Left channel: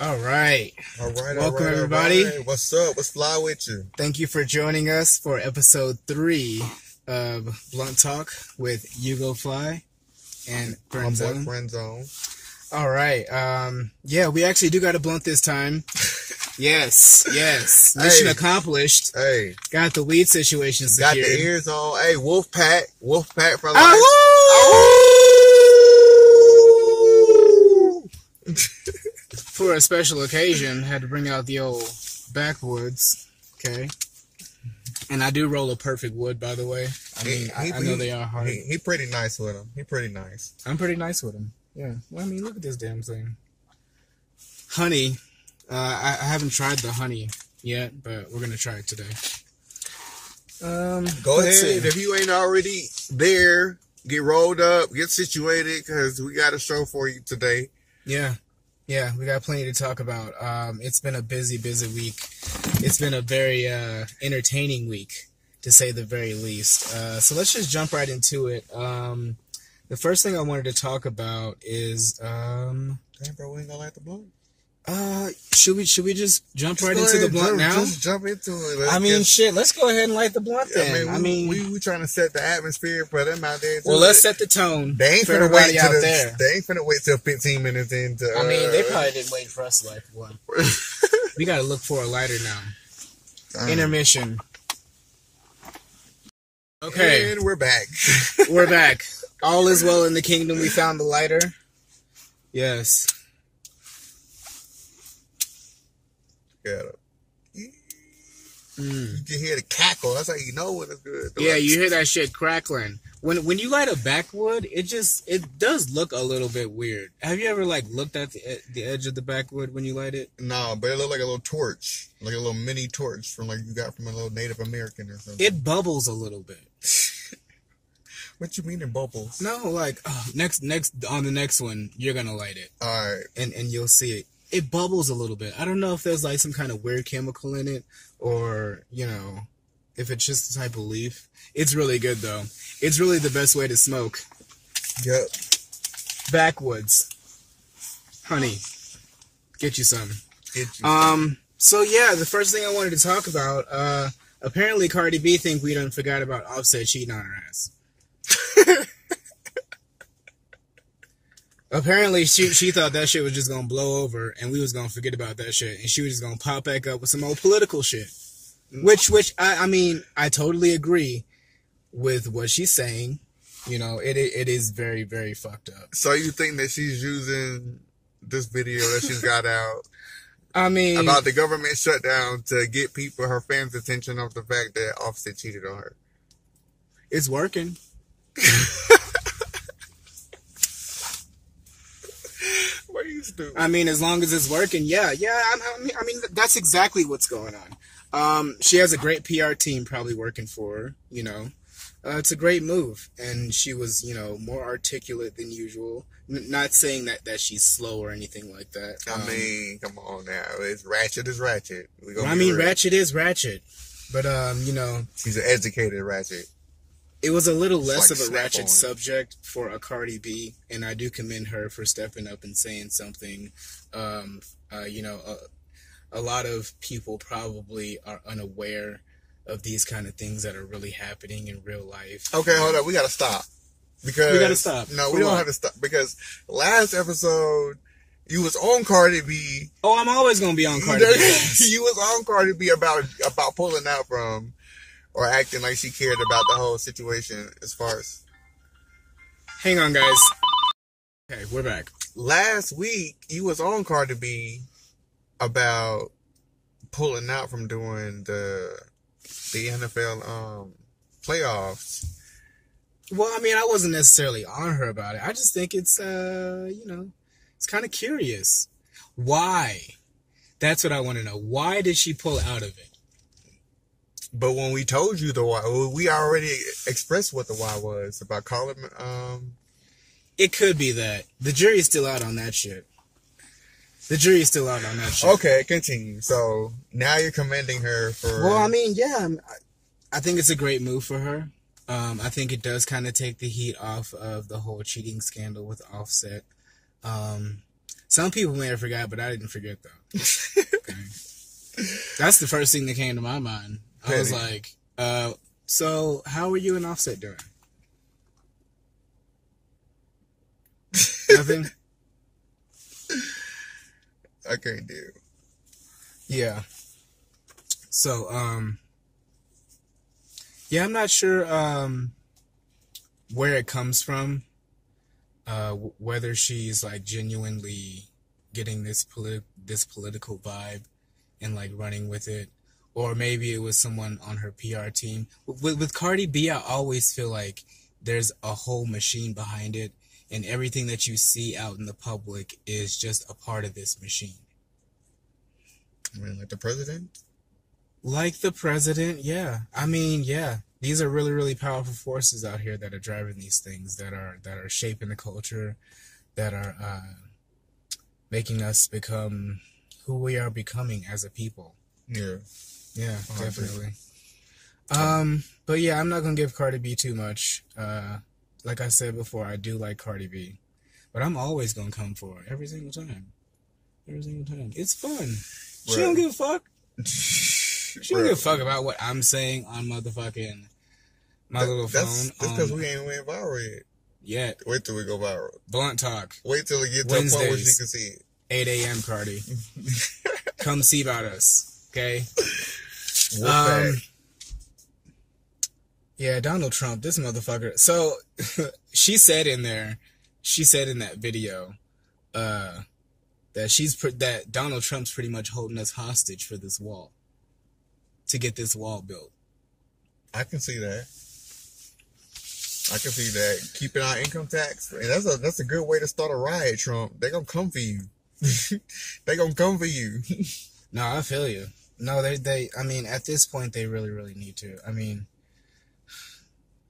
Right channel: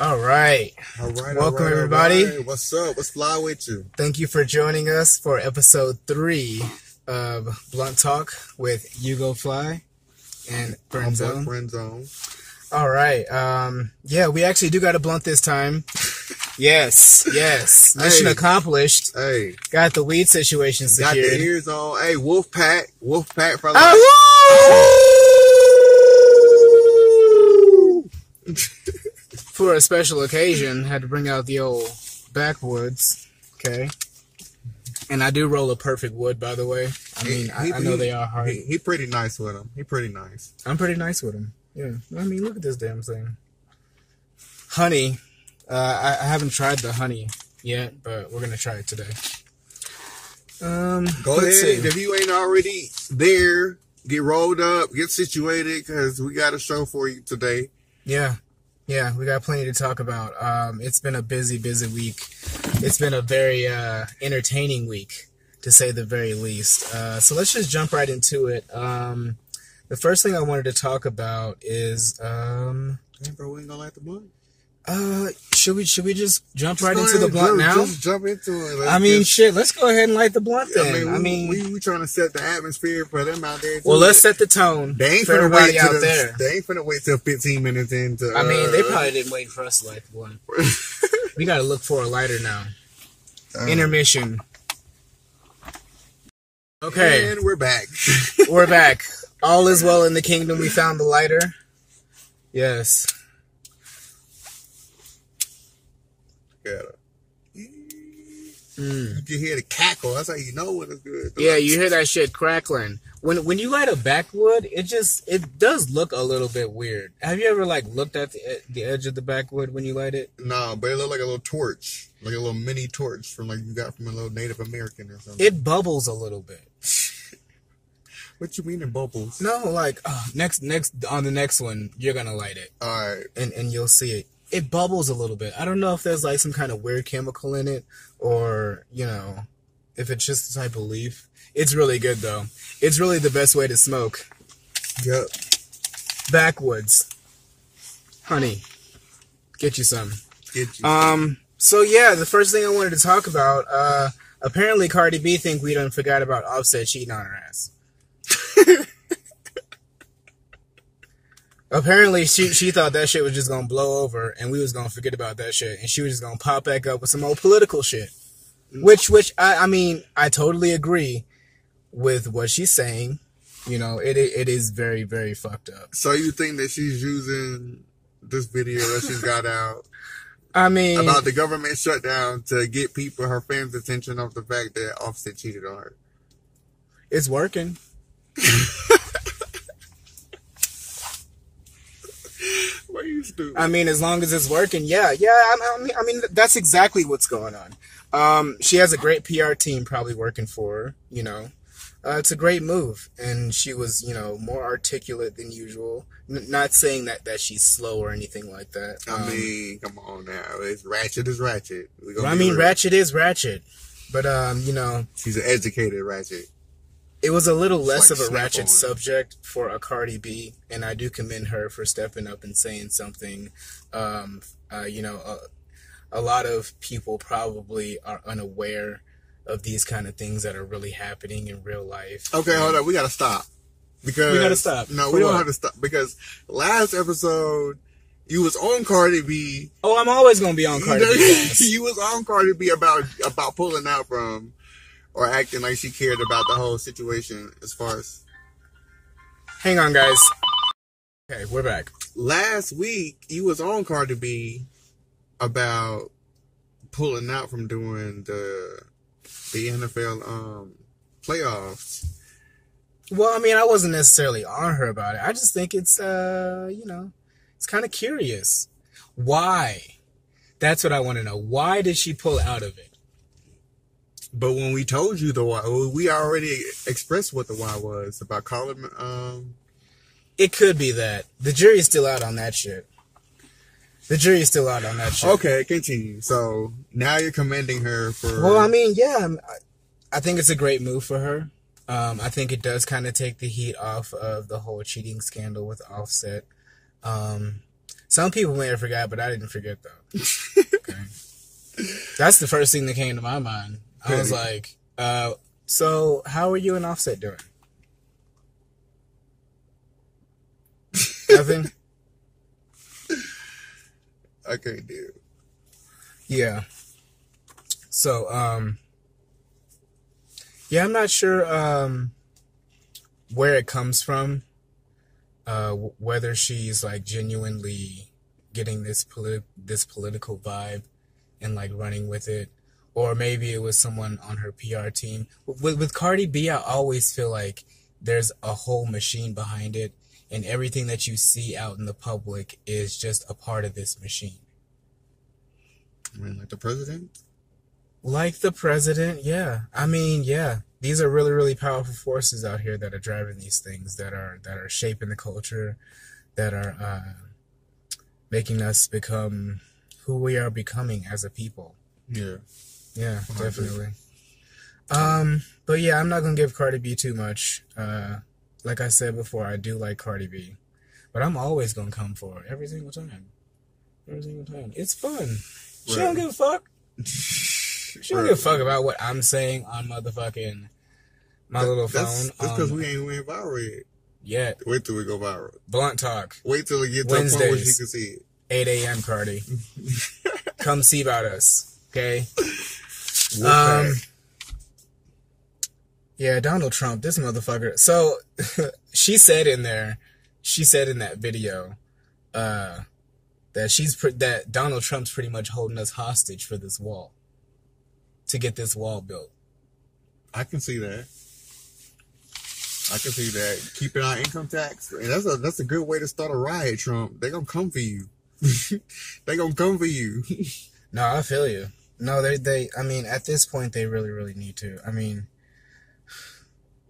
All right. Welcome, everybody. All right. What's up? What's fly with you? Thank you for joining us for episode 3 of Blunt Talk with Yugo, Flii, and FrndZone. FrndZone. All right. Yeah, we actually do got a blunt this time. Yes. Mission accomplished. Hey. Got the weed situation secured. Got the ears on. Hey, Wolf Pack for life. For a special occasion, had to bring out the old backwoods. Okay. And I do roll a perfect wood, by the way. I mean, I know they are hard. He pretty nice with them. He pretty nice. I'm pretty nice with them. Yeah. I mean, look at this damn thing. Honey. I haven't tried the honey yet, but we're going to try it today. Go ahead. If you ain't already there, get rolled up, get situated, because we got a show for you today. Yeah, we got plenty to talk about. It's been a busy week. It's been a very entertaining week, to say the very least. So let's just jump right into it. The first thing I wanted to talk about is... Damn, bro, we ain't gonna light the blunt? Should we just jump right into the blunt now? Just jump into it. Let's go ahead and light the blunt then. We trying to set the atmosphere for them out there too. Well, let's set the tone. They ain't for finna everybody wait out there. They ain't finna wait till 15 minutes into. They probably didn't wait for us to light the blunt. We gotta look for a lighter now. Intermission. Okay. And we're back. We're back. All is well in the kingdom. We found the lighter. Yes. You can hear the cackle. That's how you know when it's good. Yeah, you hear that shit crackling. When you light a backwood, it does look a little bit weird. Have you ever looked at the edge of the backwood when you light it? No, but it looked like a little torch, like a little mini torch from you got from a little Native American or something. It bubbles a little bit. What you mean it bubbles? No, next on the next one you're gonna light it. All right, and you'll see it. It bubbles a little bit. I don't know if there's some kind of weird chemical in it or, if it's just a type of leaf. It's really good, though. It's really the best way to smoke. Yep. Backwoods. Honey. Get you some. So, yeah, the first thing I wanted to talk about, apparently Cardi B think we done forgot about Offset cheating on her ass. Apparently, she thought that shit was just going to blow over and we was going to forget about that shit. And she was just going to pop back up with some old political shit. Which I totally agree with what she's saying. It is very, very fucked up. So you think that she's using this video that she's got out about the government shutdown to get her fans' attention off the fact that Offset cheated on her? It's working. What are you stupid? As long as it's working, yeah. That's exactly what's going on. She has a great PR team probably working for her, It's a great move. And she was, more articulate than usual. Not saying that she's slow or anything like that. Come on now. It's ratchet is ratchet. Ratchet is ratchet. But, she's an educated ratchet. It was a little less of a ratchet subject for a Cardi B, and I do commend her for stepping up and saying something. A lot of people probably are unaware of these kind of things that are really happening in real life. Okay, hold up. We got to stop. We got to stop. No, we don't have to stop. Because last episode, you was on Cardi B. Oh, I'm always going to be on Cardi B. You was on Cardi B about pulling out from... or acting like she cared about the whole situation as far as... Hang on, guys. Okay, we're back. Last week, you was on Cardi B about pulling out from doing the NFL playoffs. Well, I wasn't necessarily on her about it. I just think it's, it's kind of curious. Why? That's what I want to know. Why did she pull out of it? But when we told you the why, we already expressed what the why was about calling. It could be that the jury's still out on that shit. Okay, continue. So now you're commending her for. Well, I think it's a great move for her. I think it does kind of take the heat off of the whole cheating scandal with Offset. Some people may have forgot, but I didn't forget, though. Okay. That's the first thing that came to my mind. I was like, so how are you and Offset doing? Nothing? I can't do it. Yeah. So, yeah, I'm not sure where it comes from. Whether she's like genuinely getting this political vibe and like running with it, or maybe it was someone on her PR team. With Cardi B, I always feel like there's a whole machine behind it, and everything that you see out in the public is just a part of this machine. I mean, like the president? Like the president, yeah. I mean, yeah. These are really, really powerful forces out here that are driving these things, that are shaping the culture, that are making us become who we are becoming as a people. Yeah. Yeah, definitely. But yeah, I'm not gonna give Cardi B too much. Like I said before, I do like Cardi B, but I'm always gonna come for her every single time. Every single time. It's fun. She don't give a fuck. She don't give a fuck about what I'm saying on motherfucking my little phone. That's because we ain't went viral yet. Yet. Wait till we go viral. Blunt Talk. Wait till we get to a point where she can see it. 8 a.m. Cardi. Come see about us. Okay? Yeah, Donald Trump, this motherfucker. So, she said in that video, that Donald Trump's pretty much holding us hostage for this wall. To get this wall built. I can see that. Keeping our income tax. And that's a good way to start a riot, Trump. They're gonna come for you. They're gonna come for you. No, I feel you. No, I mean, at this point, they really, really need to. I mean,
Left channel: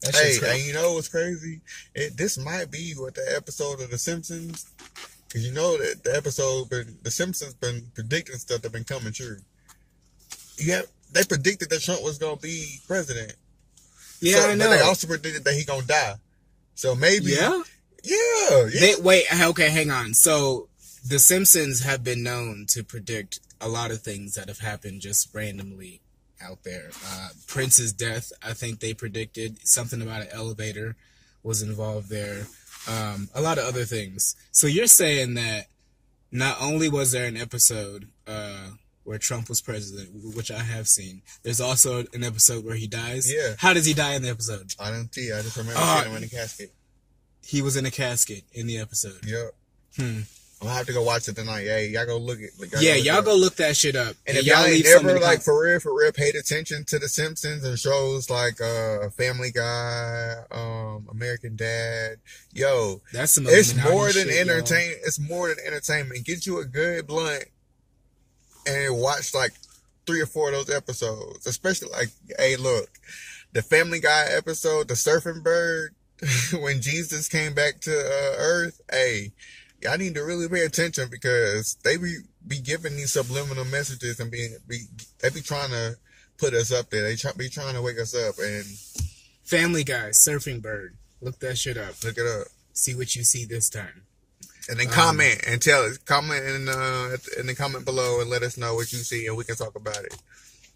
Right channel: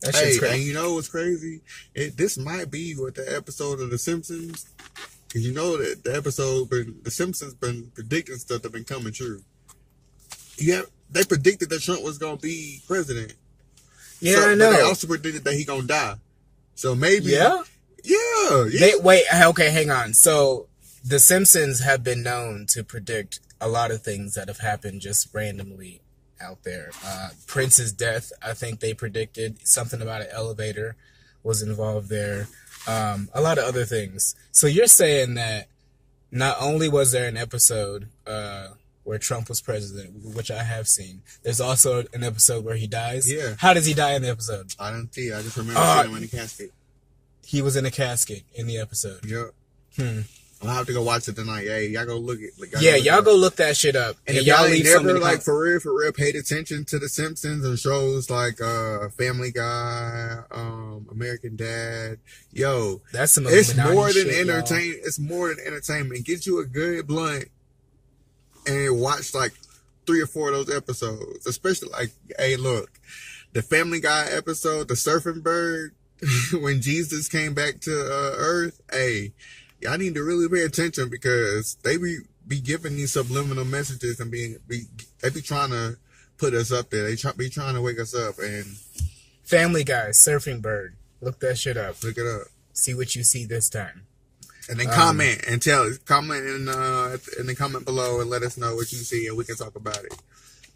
that shit's crazy. And you know what's crazy? This might be what the episode of The Simpsons, because you know that The Simpsons been predicting stuff that been coming true. They predicted that Trump was going to be president. Yeah, I know. But they also predicted that he going to die. So maybe... Yeah? Yeah. Wait, okay, hang on. So, The Simpsons have been known to predict a lot of things that have happened just randomly out there. Prince's death, I think they predicted. Something about an elevator was involved there. A lot of other things. So you're saying that not only was there an episode... where Trump was president, which I have seen. There's also an episode where he dies. Yeah. How does he die in the episode? I don't see. I just remember seeing him in a casket. He was in a casket in the episode. Yep. I'm gonna have to go watch it tonight. Hey, y'all go look it. Y'all go look that shit up. And if y'all ain't never, like, for real, paid attention to The Simpsons and shows like Family Guy, American Dad, yo, that's some it's more than entertainment. It's more than entertainment. Get you a good blunt and watch like 3 or 4 of those episodes. Especially like, hey, look, the Family Guy episode, the surfing bird, when Jesus came back to Earth. Hey, y'all need to really pay attention, because they be giving these subliminal messages and they be trying to put us up there. They be trying to wake us up. And Family Guy, surfing bird. Look that shit up. Look it up. See what you see this time. And then comment and tell us. Comment in the comment below and let us know what you see, and we can talk about it.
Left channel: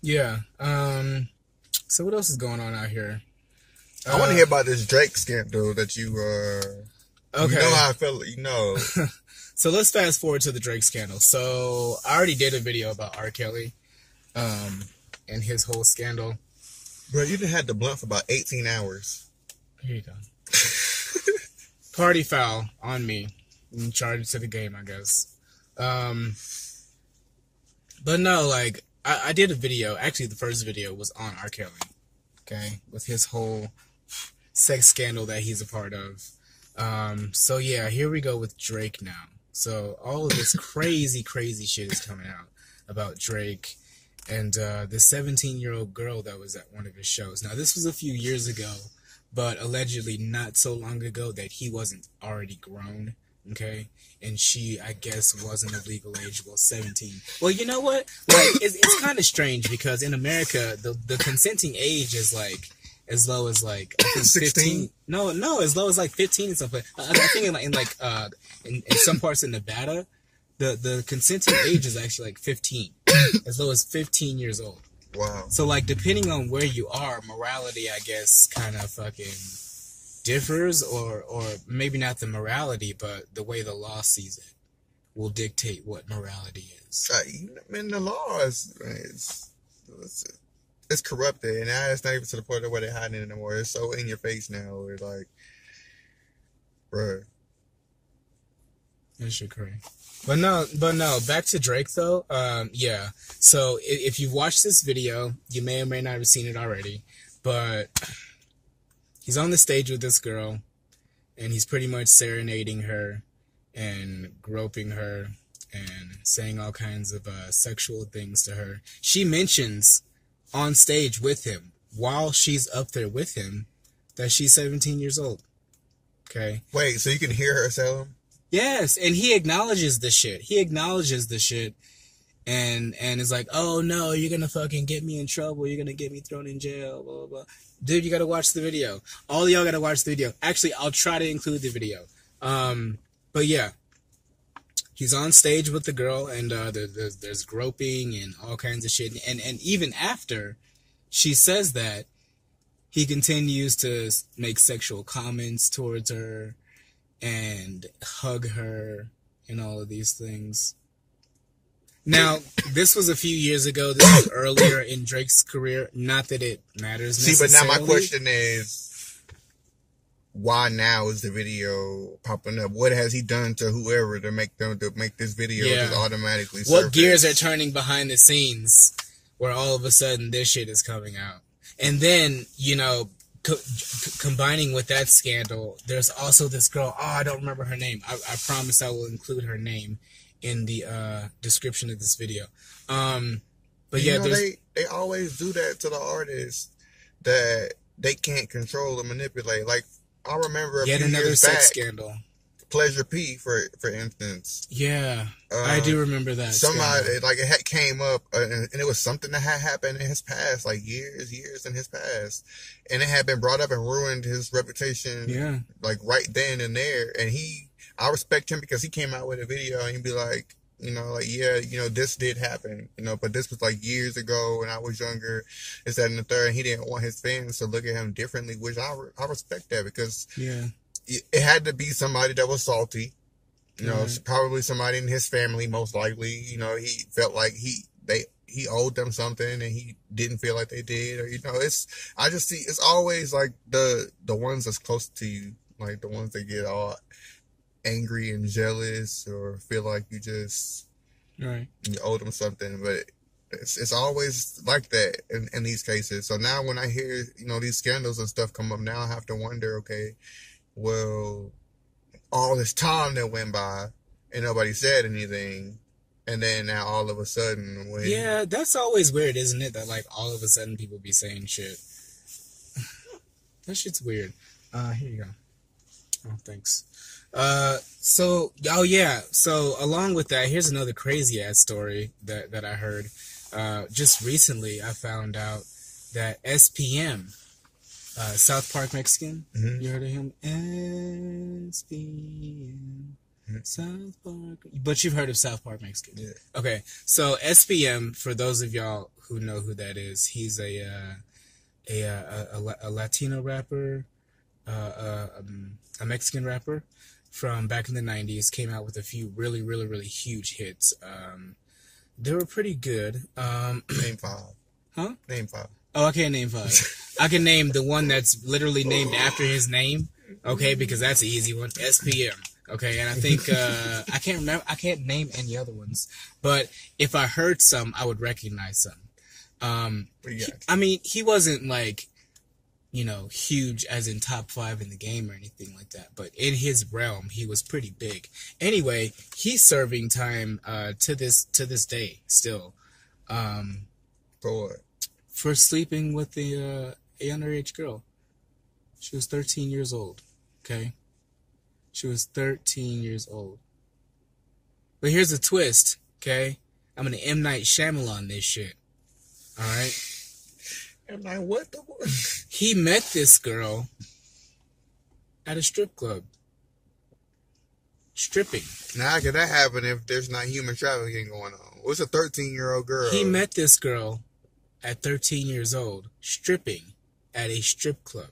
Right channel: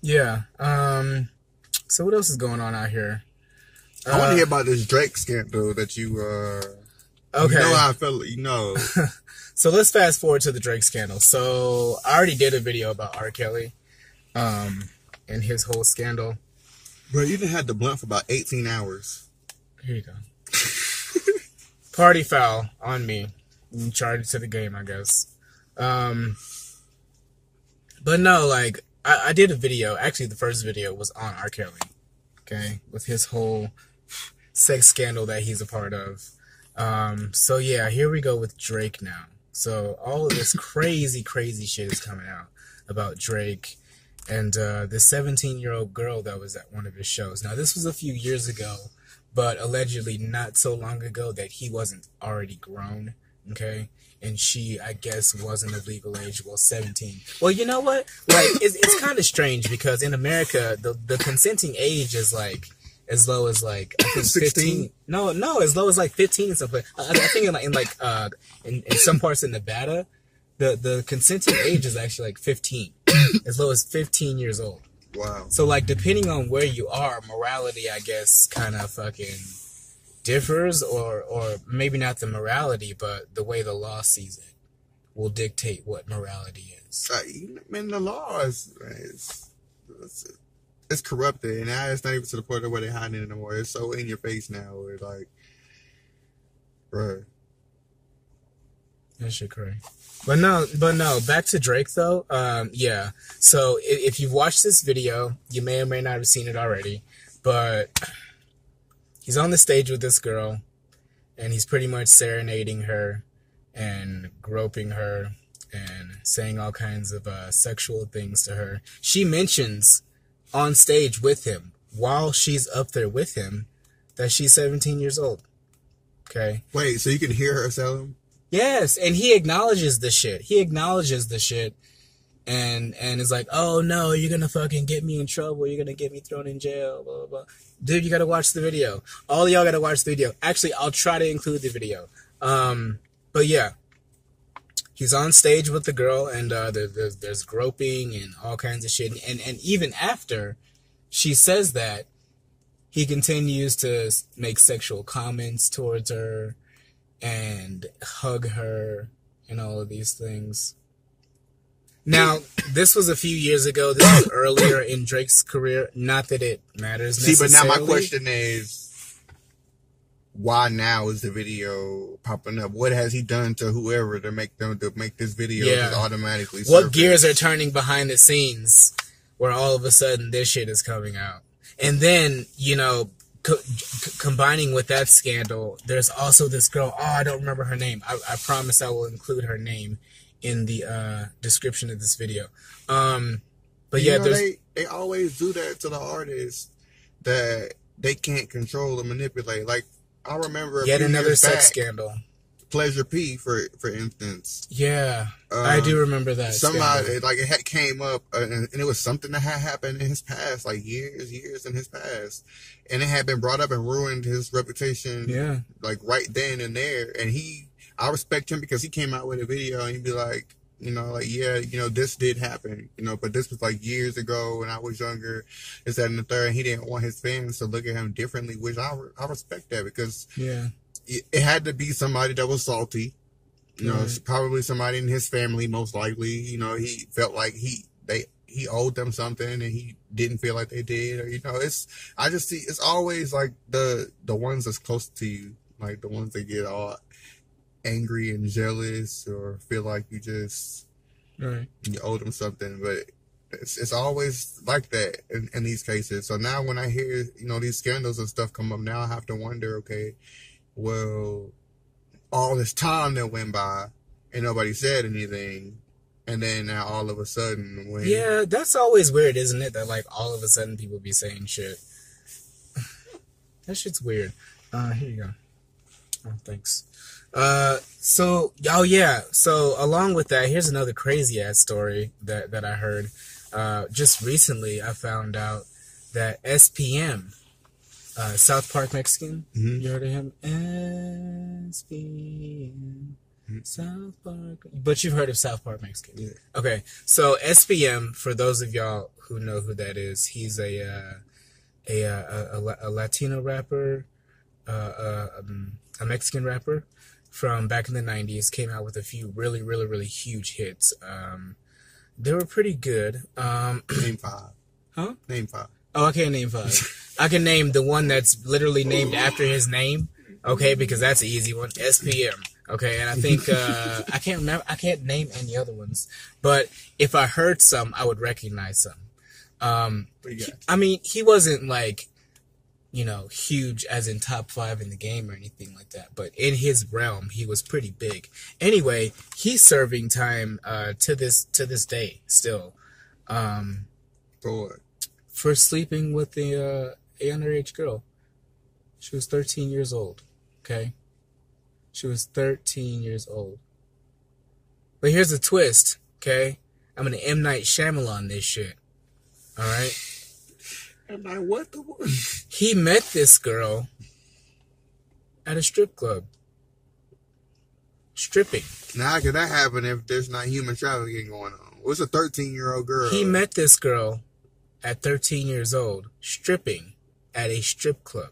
Yeah. So what else is going on out here? I want to hear about this Drake scandal that you. Okay. You know how I felt. You know. So let's fast forward to the Drake scandal. So I already did a video about R. Kelly, and his whole scandal. Bro, you done had the blunt for about 18 hours. Here you go. Party foul on me. Charge it to the game, I guess. But no, like, I did a video. Actually, the first video was on R. Kelly. Okay? With his whole sex scandal that he's a part of. So yeah, here we go with Drake now. So all of this crazy shit is coming out about Drake and the 17-year-old girl that was at one of his shows. Now, this was a few years ago, but allegedly not so long ago that he wasn't already grown. Okay, and she, I guess, wasn't of legal age. Well, 17. Well, you know what? Like, it's kind of strange, because in America, the consenting age is like as low as like, I think 16. No, as low as like 15 and stuff. I think in some parts of Nevada, The consenting age is actually like 15, as low as 15 years old. Wow. So like depending on where you are, morality, I guess, kind of fucking differs, or maybe not the morality, but the way the law sees it will dictate what morality is. The law is it's corrupted, and now it's not even to the point where they're hiding it anymore. It's so in your face now. Where it's like, bruh. That shit crazy. But no, back to Drake though. Yeah. So if you've watched this video, you may or may not have seen it already, but he's on the stage with this girl, and he's pretty much serenading her and groping her and saying all kinds of sexual things to her. She mentions on stage with him, while she's up there with him, that she's 17 years old. Okay? Wait, so you can hear her tell him? Yes, and he acknowledges the shit. And is like, oh no, you're gonna fucking get me in trouble. You're gonna get me thrown in jail, blah, blah, blah. Dude, you gotta watch the video. All y'all gotta watch the video. Actually, I'll try to include the video. But yeah, he's on stage with the girl, and there's groping and all kinds of shit. And even after she says that, he continues to make sexual comments towards her and hug her and all of these things. Now, this was a few years ago. This was earlier in Drake's career. Not that it matters necessarily. See, but now my question is, why now is the video popping up? What has he done to whoever to make this video just automatically surface? What gears are turning behind the scenes where all of a sudden this shit is coming out? And then, you know, combining with that scandal, there's also this girl. Oh, I don't remember her name. I promise I will include her name in the description of this video. But yeah, they always do that to the artists that they can't control or manipulate. Like, I remember yet another sex scandal. Pleasure P, for instance. Yeah, I do remember that. Somebody scandal. Like it came up, and it was something that had happened in his past, like years in his past, and it had been brought up and ruined his reputation. Yeah, like right then and there. And I respect him because he came out with a video and he'd be like, you know, like, yeah, you know, this did happen, you know, but this was like years ago when I was younger, this, that, and the third, and he didn't want his fans to look at him differently, which I respect that, because it had to be somebody that was salty, you know, probably somebody in his family, most likely, you know, he felt like he owed them something and he didn't feel like they did, or, you know, I just see, it's always like the ones that's close to you, like the ones that get all angry and jealous or feel like you just you owe them something. But it's always like that in these cases. So now when I hear, you know, these scandals and stuff come up, now I have to wonder, okay, well, all this time that went by and nobody said anything, and then now all of a sudden when that's always weird, isn't it, that like all of a sudden people be saying shit. That shit's weird. Here you go. Oh, thanks. So along with that, here's another crazy ass story that I heard. Just recently I found out that SPM, South Park Mexican, you heard of him? SPM, South Park, but you've heard of South Park Mexican. Yeah. Okay, so SPM, for those of y'all who know who that is, he's a Latino rapper, a Mexican rapper from back in the 90s, came out with a few really, really, really huge hits. They were pretty good. Name 5. Huh? Name 5. Oh, I can't name 5. I can name the one that's literally named after his name, okay, because that's an easy one. SPM, okay, and I think, I can't remember, I can't name any other ones, but if I heard some, I would recognize some. He wasn't like, you know, huge as in top 5 in the game or anything like that, but in his realm, he was pretty big. Anyway, he's serving time to this day still. For what? For sleeping with the a underage girl. She was 13 years old. Okay, she was 13 years old. But here's a twist. Okay, I'm gonna M. Night Shyamalan this shit. All right. And I what the fuck? He met this girl at a strip club. stripping. Now, how can that happen if there's not human trafficking going on? What's a 13-year-old girl? He met this girl at 13 years old, stripping at a strip club.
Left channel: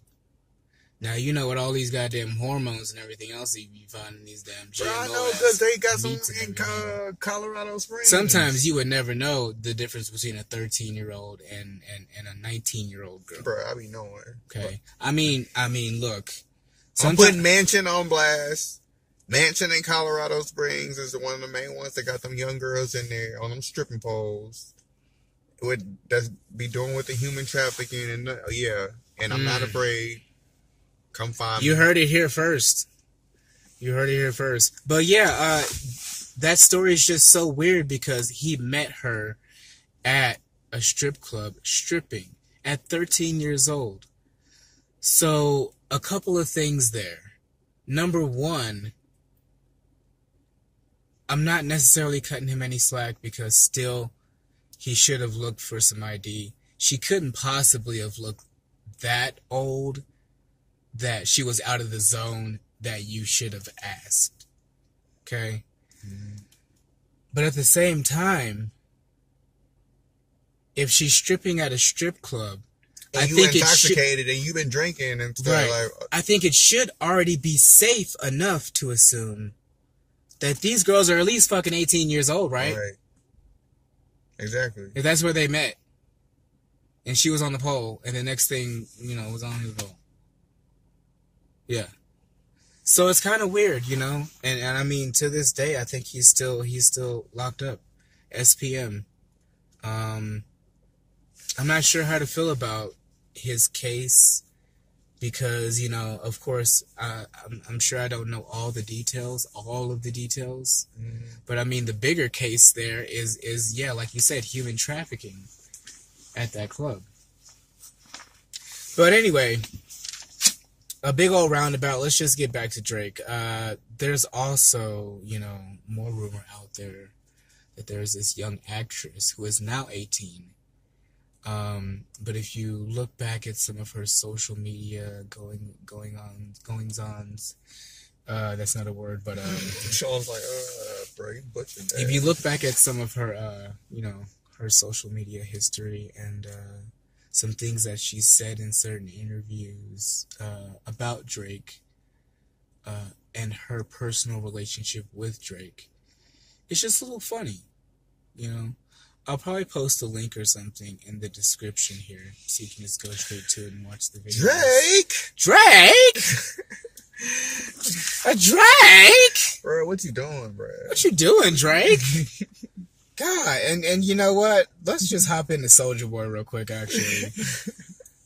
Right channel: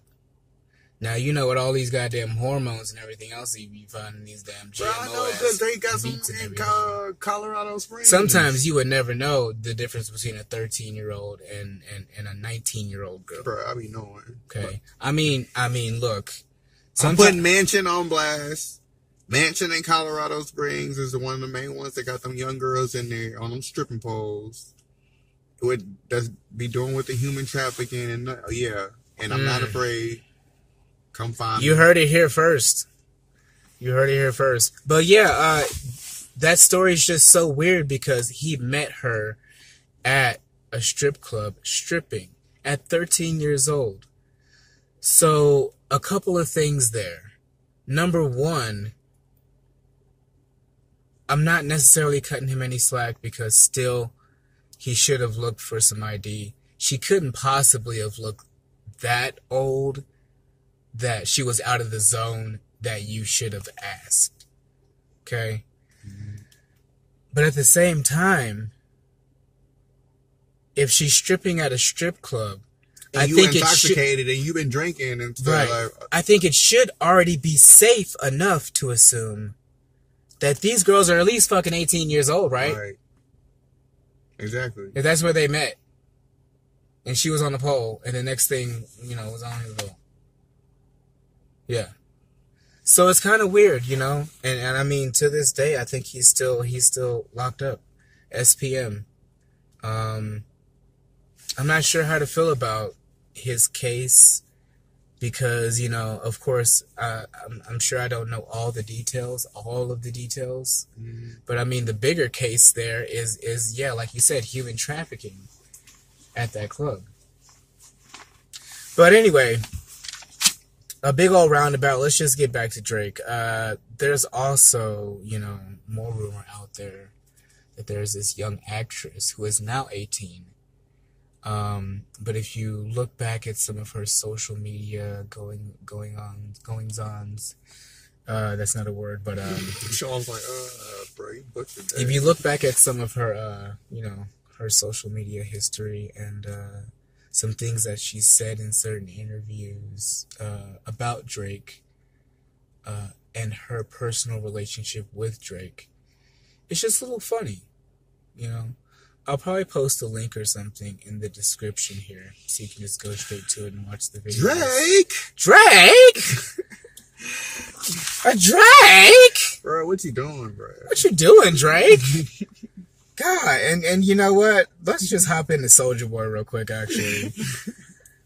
Now, you know, with all these goddamn hormones and everything else you find in these damn GMO. Bro, I know, because they got some in Colorado Springs. Sometimes you would never know the difference between a 13-year-old and a 19-year-old girl. Bro, I be knowing. Okay. I mean, look. I'm putting Mansion on blast. Mansion in Colorado Springs is one of the main ones that got them young girls in there on them stripping poles. That's be doing with the human trafficking and yeah. And I'm not afraid. Come find me. You heard it here first. But yeah, that story is just so weird because he met her at a strip club stripping at 13 years old. So a couple of things there. Number one, I'm not necessarily cutting him any slack because still he should have looked for some ID. She couldn't possibly have looked that old that she was out of the zone that you should have asked. Okay? Mm-hmm. But at the same time, if she's stripping at a strip club, and you intoxicated and you've been drinking and stuff. Right. I think it should already be safe enough to assume that these girls are at least fucking 18 years old, right? Right. Exactly. If that's where they met. And she was on the pole, and the next thing, you know, was on his pole. Yeah. So it's kind of weird, you know? And I mean, to this day, I think he's still locked up. SPM. I'm not sure how to feel about his case because, you know, of course, I'm sure I don't know all of the details. Mm-hmm. But I mean, the bigger case there is, yeah, like you said, human trafficking at that club. But anyway, a big old roundabout. Let's just get back to Drake. There's also, you know, more rumor out there that there's this young actress who is now 18. But if you look back at some of her social media goings-ons, that's not a word, but Sean's like, bro, you butchered that. If you look back at some of her, you know, her social media history and some things that she said in certain interviews about Drake and her personal relationship with Drake, it's just a little funny, you know. I'll probably post a link or something in the description here so you can just go straight to it and watch the video. Drake? A Drake? Bro, what you doing, bro? What you doing, Drake? God, and you know what? Let's just hop into Soulja Boy real quick, actually.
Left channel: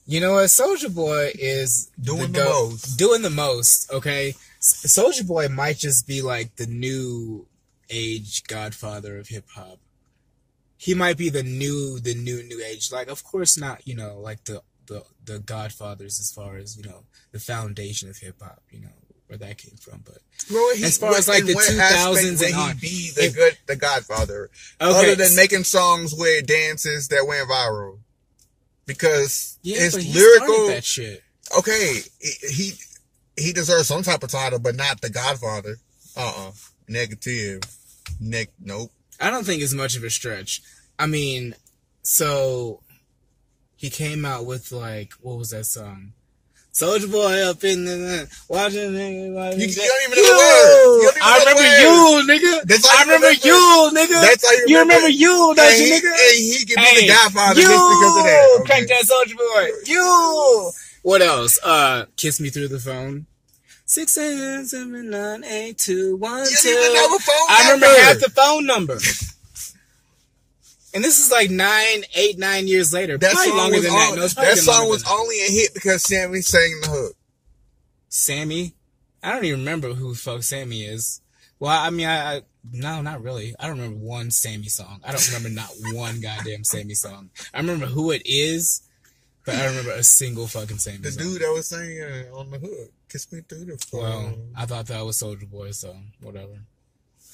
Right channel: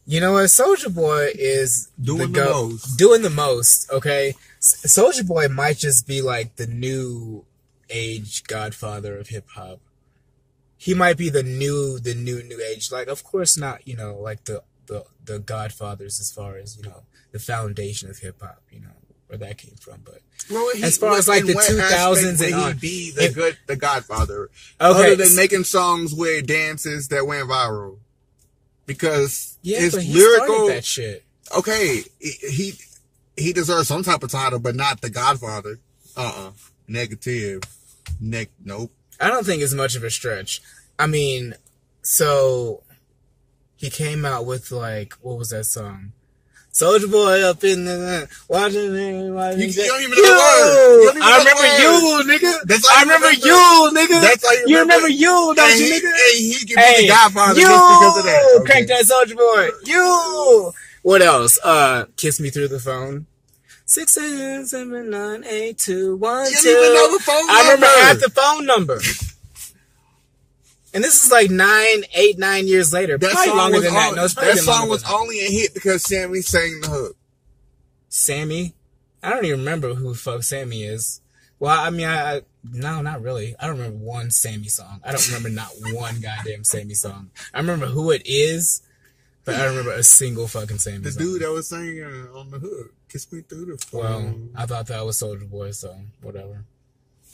You know what? Soulja Boy is doing the most, okay? Soulja Boy might just be like the new age godfather of hip-hop. He might be the new age. Like, of course not, you know, like the godfathers as far as, you know, the foundation of hip-hop, you know, where that came from. But as far as like the 2000s and on, he be the godfather, okay, other than making songs with dances that went viral, because his lyrical that shit. Okay, he deserves some type of title, but not the godfather. Negative. Nope. I don't think it's much of a stretch. I mean, so he came out with like, what was that song? Soulja Boy up in the watching everybody. You don't even know the word. I remember you, nigga. I remember you, nigga. That's how you remember you, don't you, nigga? And he can be the godfather just because of that. Okay. Crank that Soulja Boy. You. What else? Kiss Me Through the Phone. 6779821. You don't even know the phone number. I remember half the phone number. And this is like 9 years later. That probably song longer was than that. No, that song was only a hit because Sammy sang the hook. Sammy? I don't even remember who the fuck Sammy is. Well, I mean, no, not really. I don't remember one Sammy song. I don't remember not one goddamn Sammy song. I remember who it is, but I don't remember a single fucking Sammy song. The dude that was singing on the hook. Kiss Me Through the Phone. Well, I thought that was Soulja Boy, so whatever.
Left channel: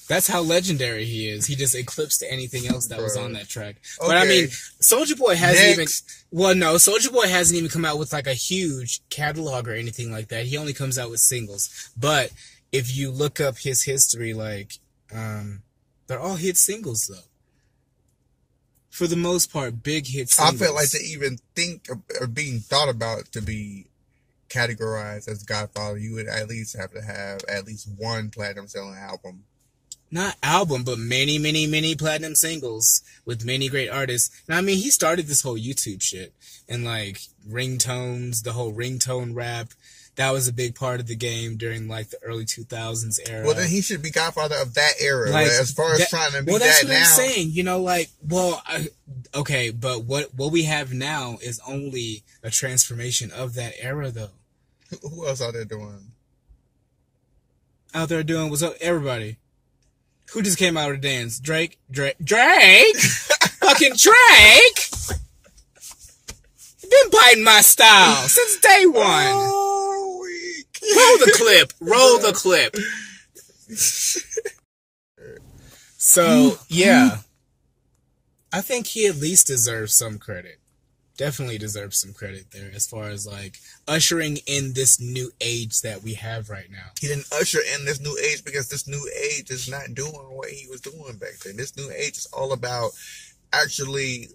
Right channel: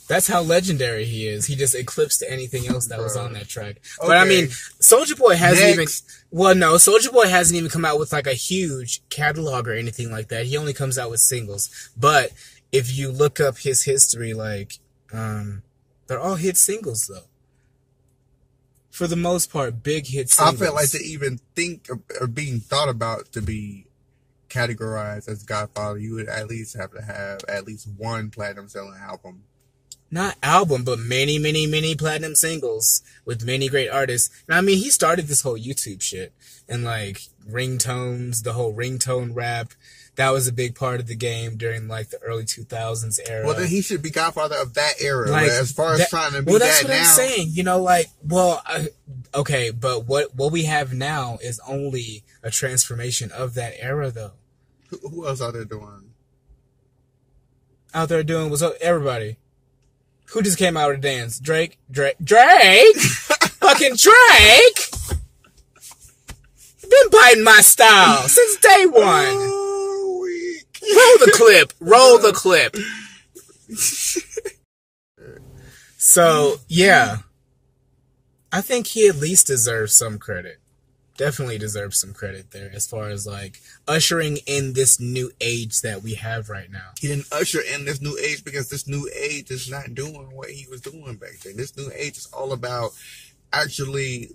That's how legendary he is. He just eclipsed anything else that was on that track. Okay. But I mean, Soulja Boy hasn't even... Well, no, Soulja Boy hasn't even come out with like a huge catalog or anything like that. He only comes out with singles. But if you look up his history, like, they're all hit singles, though. For the most part, big hit singles. I feel like to even think of being thought about to be categorized as Godfather, you would at least have to have at least one platinum selling album. Not album, but many, many, many platinum singles with many great artists. And I mean, he started this whole YouTube shit. And like, ringtones, the whole ringtone rap. That was a big part of the game during like the early 2000s era. Well, then he should be Godfather of that era. Like, as far as trying to be that's that what now. I'm saying. You know, like, okay, but what we have now is only a transformation of that era, though. Who else out there doing? Out there doing what's up, everybody. Who just came out of the dance? Drake? Fucking Drake! Been biting my style since day one. Roll the clip. So, yeah. I think he at least deserves some credit. Definitely deserves some credit there as far as like ushering in this new age that we have right now. He didn't usher in this new age because this new age is not doing what he was doing back then. This new age is all about actually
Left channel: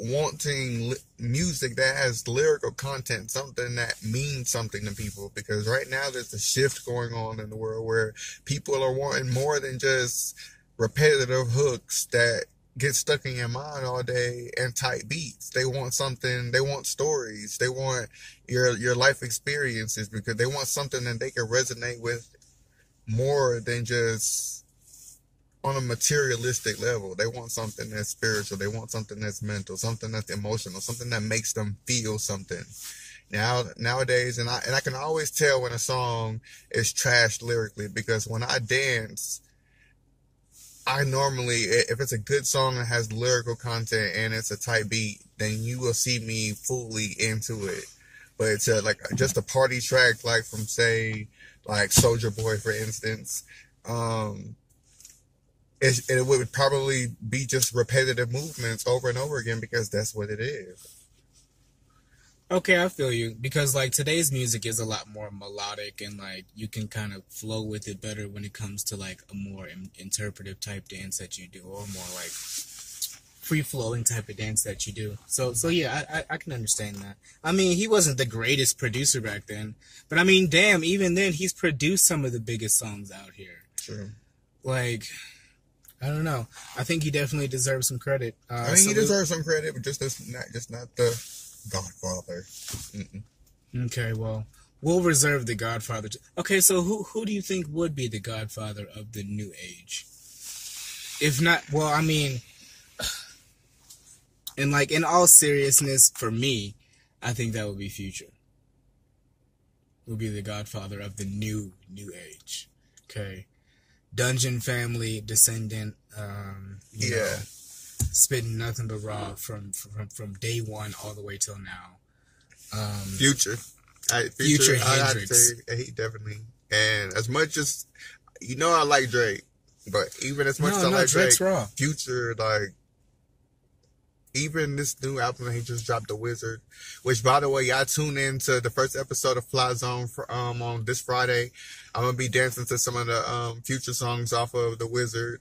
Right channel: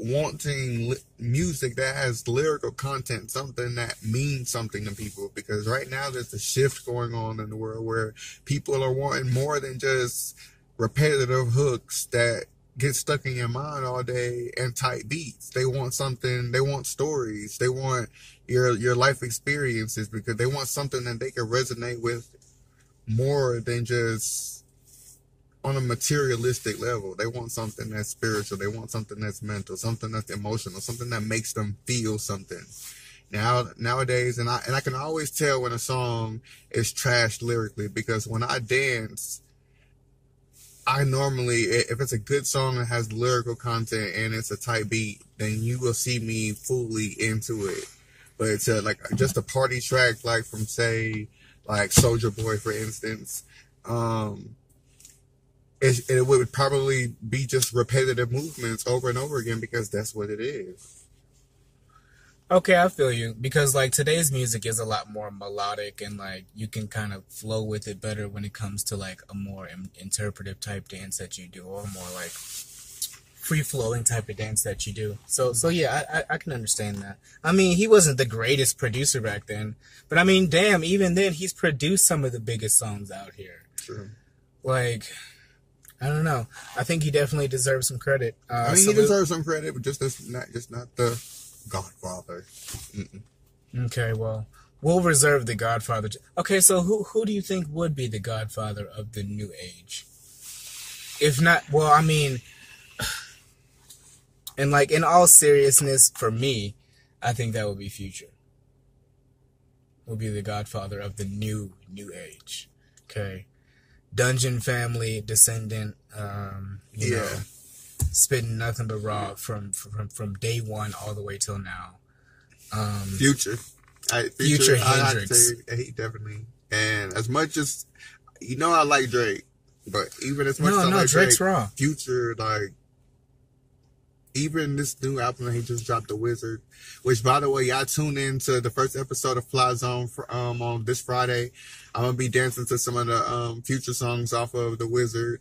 wanting music that has lyrical content, something that means something to people. Because right now there's a shift going on in the world where people are wanting more than just repetitive hooks that get stuck in your mind all day and tight beats. They want something, they want stories, they want your life experiences, because they want something that they can resonate with more than just on a materialistic level. They want something that's spiritual, they want something that's mental, something that's emotional, something that makes them feel something. Nowadays, and I can always tell when a song is trashed lyrically, because when I dance, I normally, if it's a good song that has lyrical content and it's a tight beat, then you will see me fully into it. But it's like just a party track, like from say, like Soulja Boy, for instance. It would probably be just repetitive movements over and over again, because that's what it is. Okay, I feel you. Because, like, today's music is a lot more melodic, and, like, you can kind of flow with it better when it comes to, like, a more interpretive type dance that you do, or more, like, free-flowing type of dance that you do. So yeah, I can understand that. I mean, he wasn't the greatest producer back then, but, I mean, damn, even then, he's produced some of the biggest songs out here. True. Like, I don't know. I think he definitely deserves some credit. I mean, he deserves some credit, but just not the Godfather. Mm-mm. Okay, well, we'll reserve the Godfather. Okay, so who do you think would be the Godfather of the new age? If not, well, I mean, and like in all seriousness, for me, I think that would be Future. Would be the Godfather of the new age. Okay, Dungeon Family descendant. You know, spitting nothing but raw from day one all the way till now. Future Hendrix. He definitely. And as much as I like Drake, but even as much as I like Drake's Drake, raw. Future, like, even this new album that he just dropped, The Wizard, which, by the way, y'all tune in to the first episode of FrndZone on this Friday. I'm gonna be dancing to some of the Future songs off of The Wizard.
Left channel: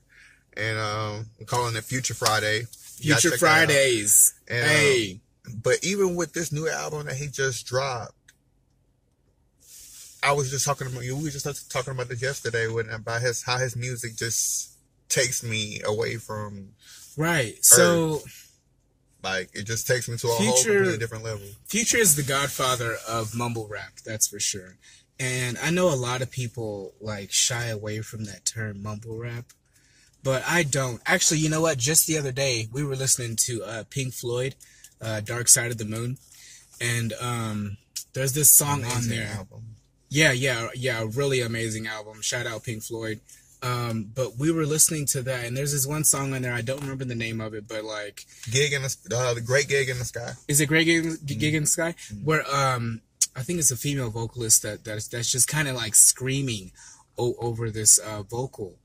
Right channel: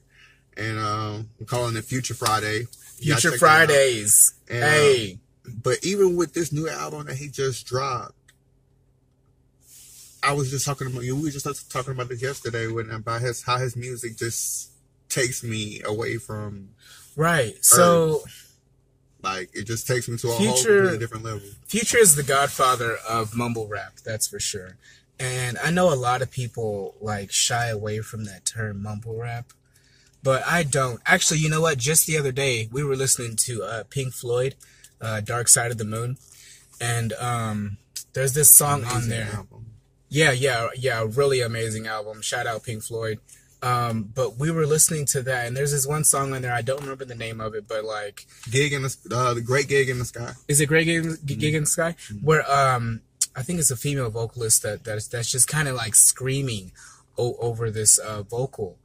And I'm calling it Future Friday. Future Fridays. And, hey. But even with this new album that he just dropped, I was just talking about, we were just talking about this yesterday, about how his music just takes me away from right. Earth. So, like, it just takes me to a whole completely different level. Future is the godfather of mumble rap, that's for sure. And I know a lot of people like shy away from that term mumble rap. But I don't. Actually, you know what? Just the other day, we were listening to Pink Floyd, Dark Side of the Moon. And there's this song on there. Album. Yeah, really amazing album. Shout out Pink Floyd. But we were listening to that, and there's this one song on there. I don't remember the name of it, but like... The Great Gig in the Sky. Is it Great Gig in the Sky? Mm-hmm. Where I think it's a female vocalist that's just kind of like screaming over this vocal.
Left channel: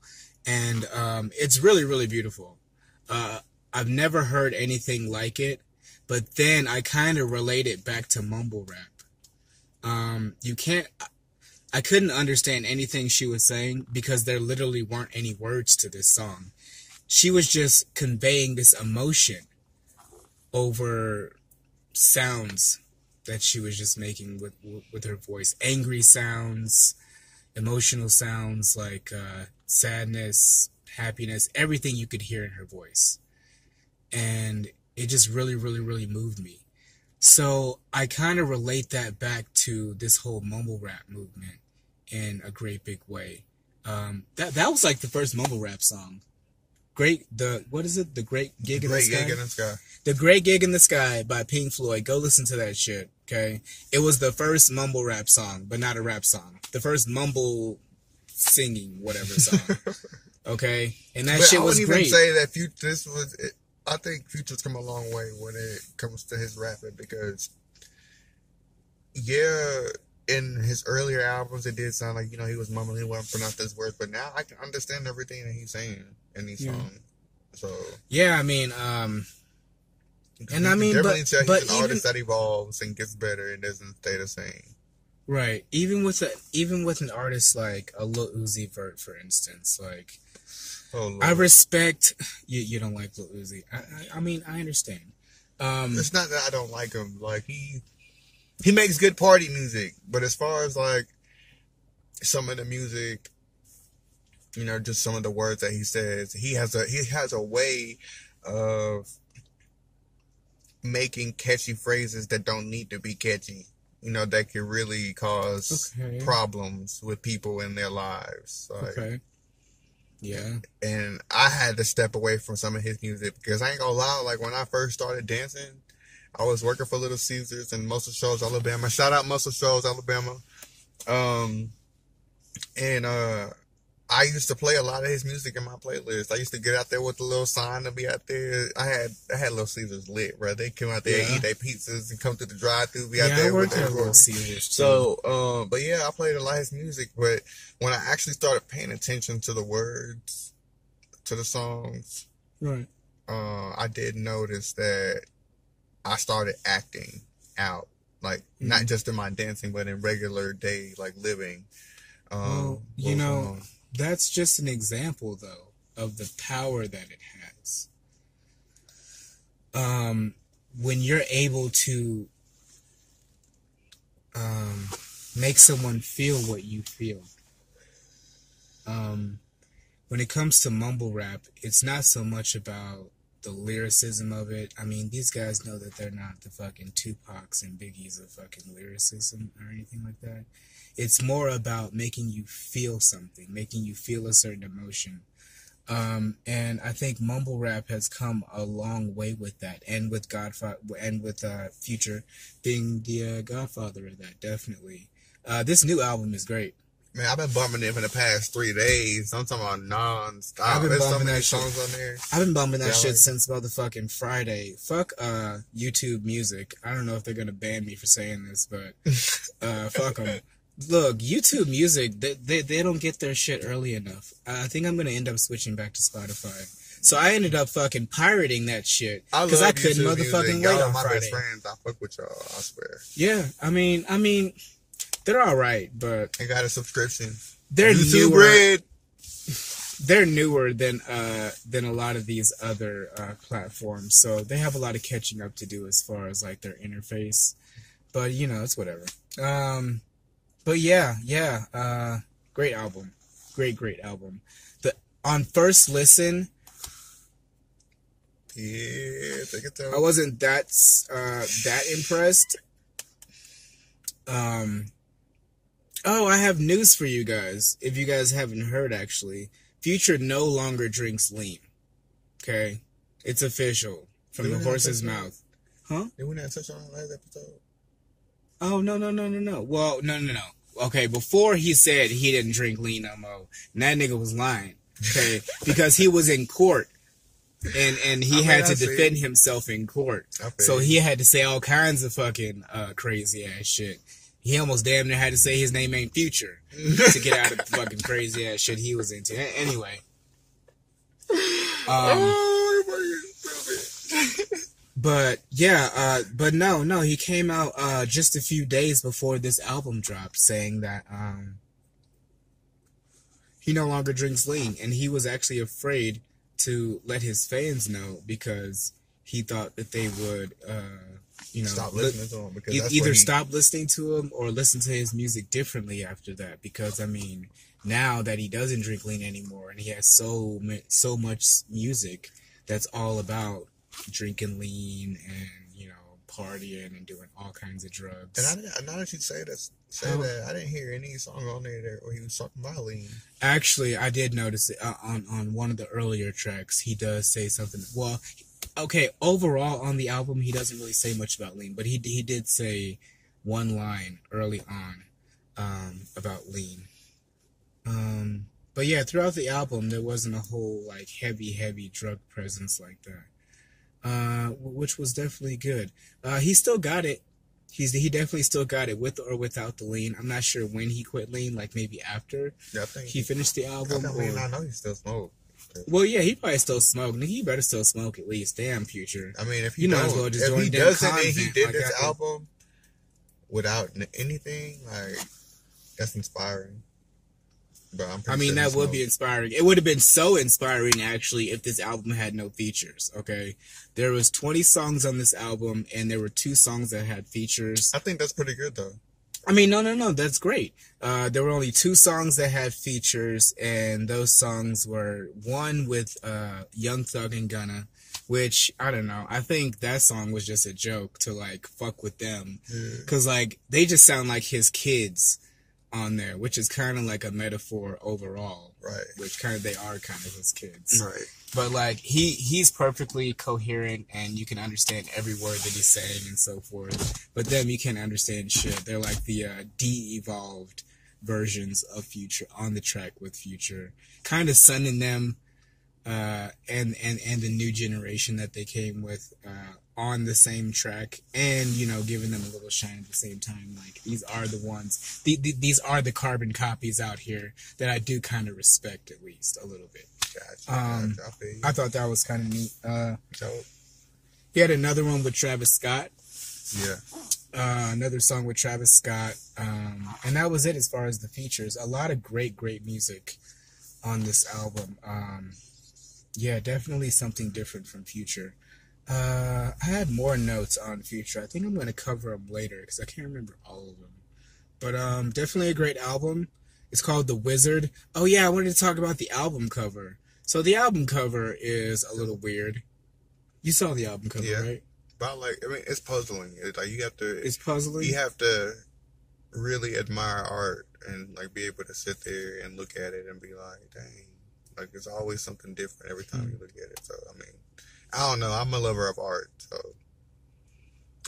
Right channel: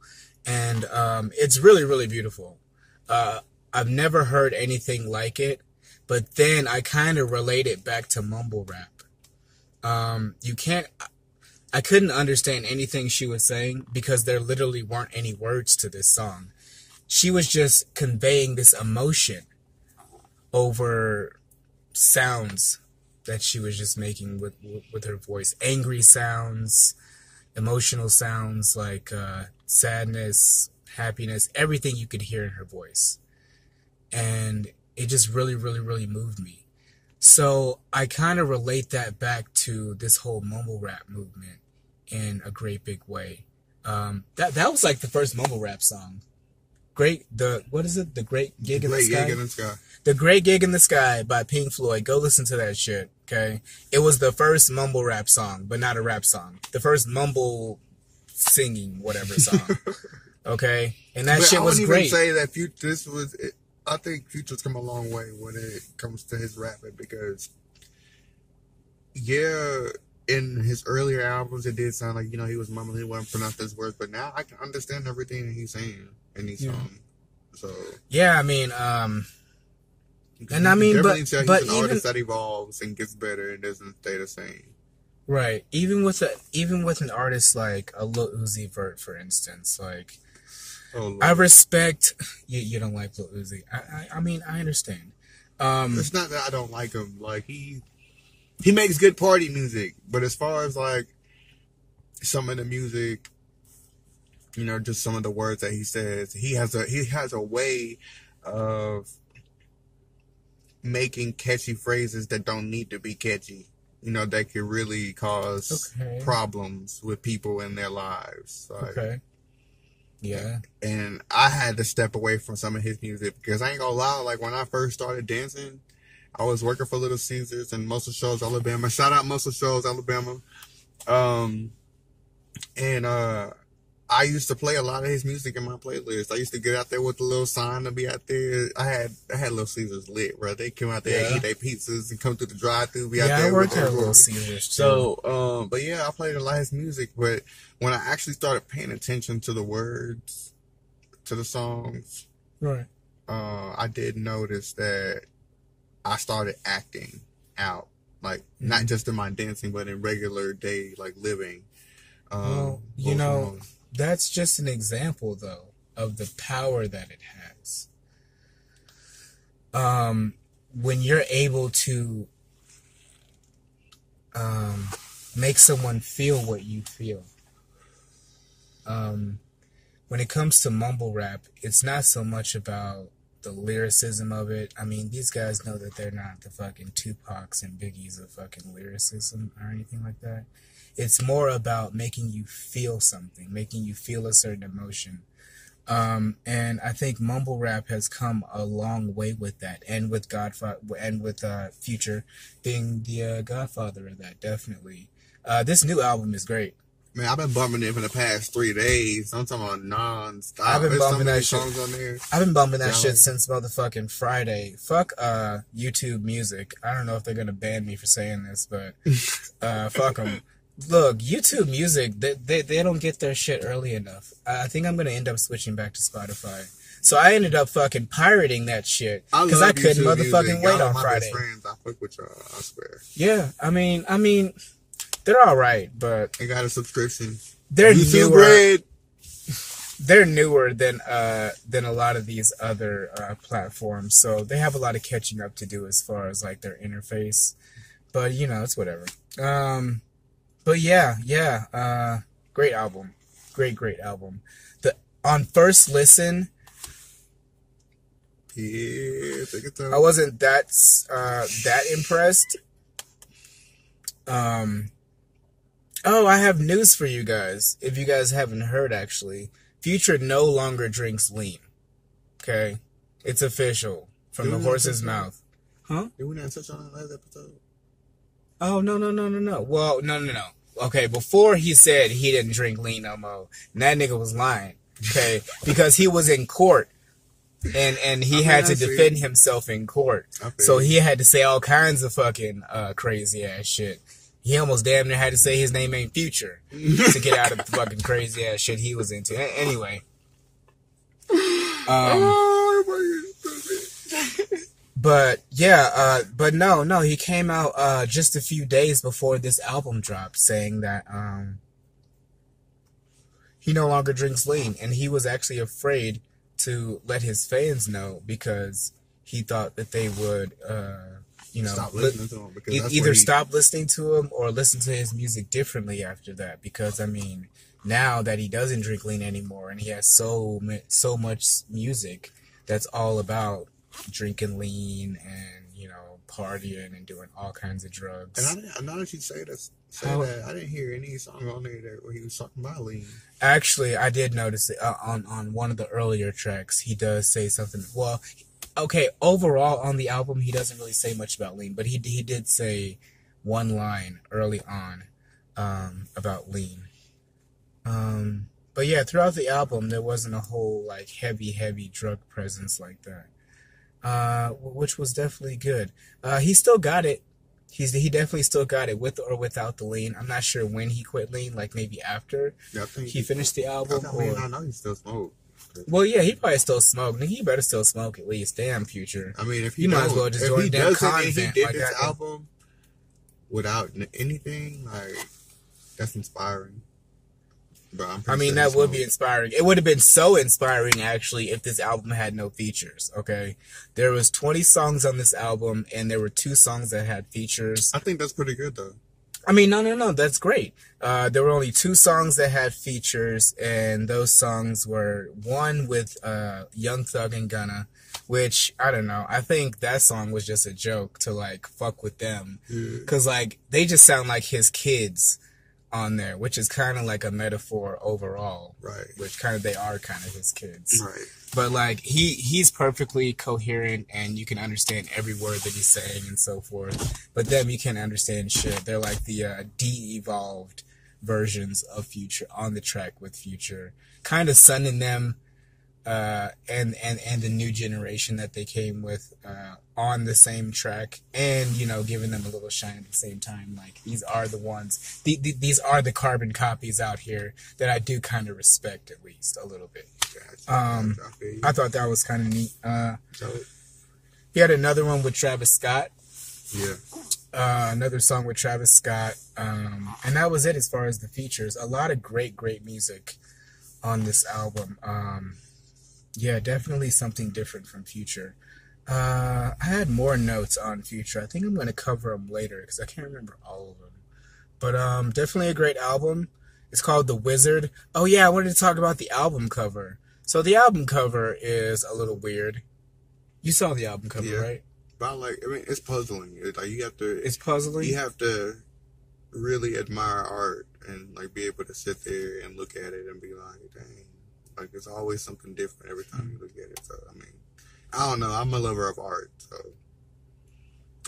And it's really, really beautiful. I've never heard anything like it, but then I kind of relate it back to mumble rap. You can't... I couldn't understand anything she was saying because there literally weren't any words to this song. She was just conveying this emotion over sounds that she was just making with her voice. Angry sounds, emotional sounds like sadness, happiness, everything you could hear in her voice. And it just really, really, really moved me. So I kind of relate that back to this whole mumble rap movement in a great big way. That was like the first mumble rap song. What is it? The Great Gig in the Sky? The Great Gig in the Sky by Pink Floyd. Go listen to that shit, okay? It was the first mumble rap song, but not a rap song. The first mumble singing whatever song, okay? And that shit was great. I wouldn't even say that I think Future's come a long way when it comes to his rapping because, yeah, in his earlier albums, it did sound like, you know, he was mumbling, he wasn't pronouncing his words, but now I can understand everything that he's saying in these songs. So yeah, I mean, and I mean, but he's an artist that evolves and gets better and doesn't stay the same. Right. Even with an artist like a Lil Uzi Vert, for instance, like. Oh, I respect you. You don't like Lil Uzi. I mean, I understand. It's not that I don't like him. Like he makes good party music, but as far as like some of the music, you know, just some of the words that he says, he has a way of making catchy phrases that don't need to be catchy. You know, that could really cause problems with people in their lives. Like, okay. Yeah. And I had to step away from some of his music because I ain't gonna lie, like when I first started dancing, I was working for Little Caesars and Muscle Shoals, Alabama. Shout out Muscle Shoals, Alabama. I used to play a lot of his music in my playlist. I used to get out there with the little sign to be out there. I had Little Caesars lit, bro. They come out there and eat their pizzas and come through the drive-thru, be out there. I worked at Little Caesars too. So, but yeah, I played a lot of his music. But when I actually started paying attention to the words, to the songs, right, I did notice that I started acting out, like not just in my dancing, but in regular day, like living. Well, you know. That's just an example, though, of the power that it has. When you're able to make someone feel what you feel. When it comes to mumble rap, it's not so much about the lyricism of it. I mean, these guys know that they're not the fucking Tupacs and Biggies of fucking lyricism or anything like that. It's more about making you feel something, making you feel a certain emotion. And I think mumble rap has come a long way with that, and with Future being the godfather of that, definitely. This new album is great. Man, I've been bumping it for the past 3 days. I'm talking about non-stop. I've been bumping that shit. Songs on there. I've been bumping that shit since motherfucking Friday. Fuck YouTube Music. I don't know if they're gonna ban me for saying this, but fuck them. Look, YouTube Music, they don't get their shit early enough. I think I'm going to end up switching back to Spotify. So I ended up fucking pirating that shit because I couldn't motherfucking wait on Friday. Friends. I fuck with y'all, I swear. Yeah, I mean, they're all right, but they got a subscription. They're newer. They're newer than a lot of these other platforms, so they have a lot of catching up to do as far as like their interface. But you know, it's whatever. But yeah, great album, great album. On first listen, yeah, take it I wasn't that impressed. Oh, I have news for you guys. If you guys haven't heard, actually, Future no longer drinks lean. Okay, it's official from the horse's mouth. Huh? Did we not touch on that last episode? Oh, no. Well, no. Okay, before he said he didn't drink lean no more, and that nigga was lying, okay? Because he was in court, and he had to defend himself in court. So he had to say all kinds of fucking crazy-ass shit. He almost damn near had to say his name ain't Future to get out of the fucking crazy-ass shit he was into. Anyway. But yeah, no, he came out just a few days before this album dropped saying that he no longer drinks lean, and he was actually afraid to let his fans know because he thought that they would, stop listening to him because either stop listening to him or listen to his music differently after that. Because I mean, now that he doesn't drink lean anymore, and he has so much music that's all about drinking lean and partying and doing all kinds of drugs. And now that you say that, I didn't hear any song on there where he was talking about lean. Actually, I did notice it on one of the earlier tracks. He does say something. Well, okay, overall on the album, he doesn't really say much about lean, but he did say one line early on about lean. But yeah, throughout the album, there wasn't a whole like heavy drug presence like that, which was definitely good. He still got it. He definitely still got it with or without the lean. I'm not sure when he quit lean, like maybe after he finished the album. I know he still smoked. Well, yeah, he probably still smoked. He better still smoke at least. Damn, Future. I mean, if you might as well just join damn convent. He did like this album without anything, like, that's inspiring. But I mean, that would be inspiring. It would have been so inspiring, actually, if this album had no features, okay? There was 20 songs on this album, and there were 2 songs that had features. I think that's pretty good, though. I mean, no, that's great. There were only 2 songs that had features, and those songs were one with Young Thug and Gunna, which, I don't know, I think that song was just a joke to, like, fuck with them. Because, like, they just sound like his kids on there, which is kind of like a metaphor overall. Right. Which they are kind of his kids. Right. But, like, he's perfectly coherent, and you can understand every word that he's saying and so forth. But them, you can't understand shit. They're like the de-evolved versions of Future on the track with Future. Kind of sunning them and the new generation that they came with on the same track, and, giving them a little shine at the same time. Like, these are the ones, these are the carbon copies out here that I do kind of respect, at least a little bit. I thought that was kind of neat. He had another one with Travis Scott. Yeah. Another song with Travis Scott. And that was it as far as the features. A lot of great music on this album. Yeah, definitely something different from Future. I had more notes on Future. I think I'm going to cover them later because I can't remember all of them. But definitely a great album. It's called The Wizard. Oh, yeah, I wanted to talk about the album cover. So the album cover is a little weird. You saw the album cover, right? But, it's puzzling. It's puzzling? You have to really admire art and, be able to sit there and look at it and be like, dang. There's always something different every time you look at it. So, I don't know. I'm a lover of art, so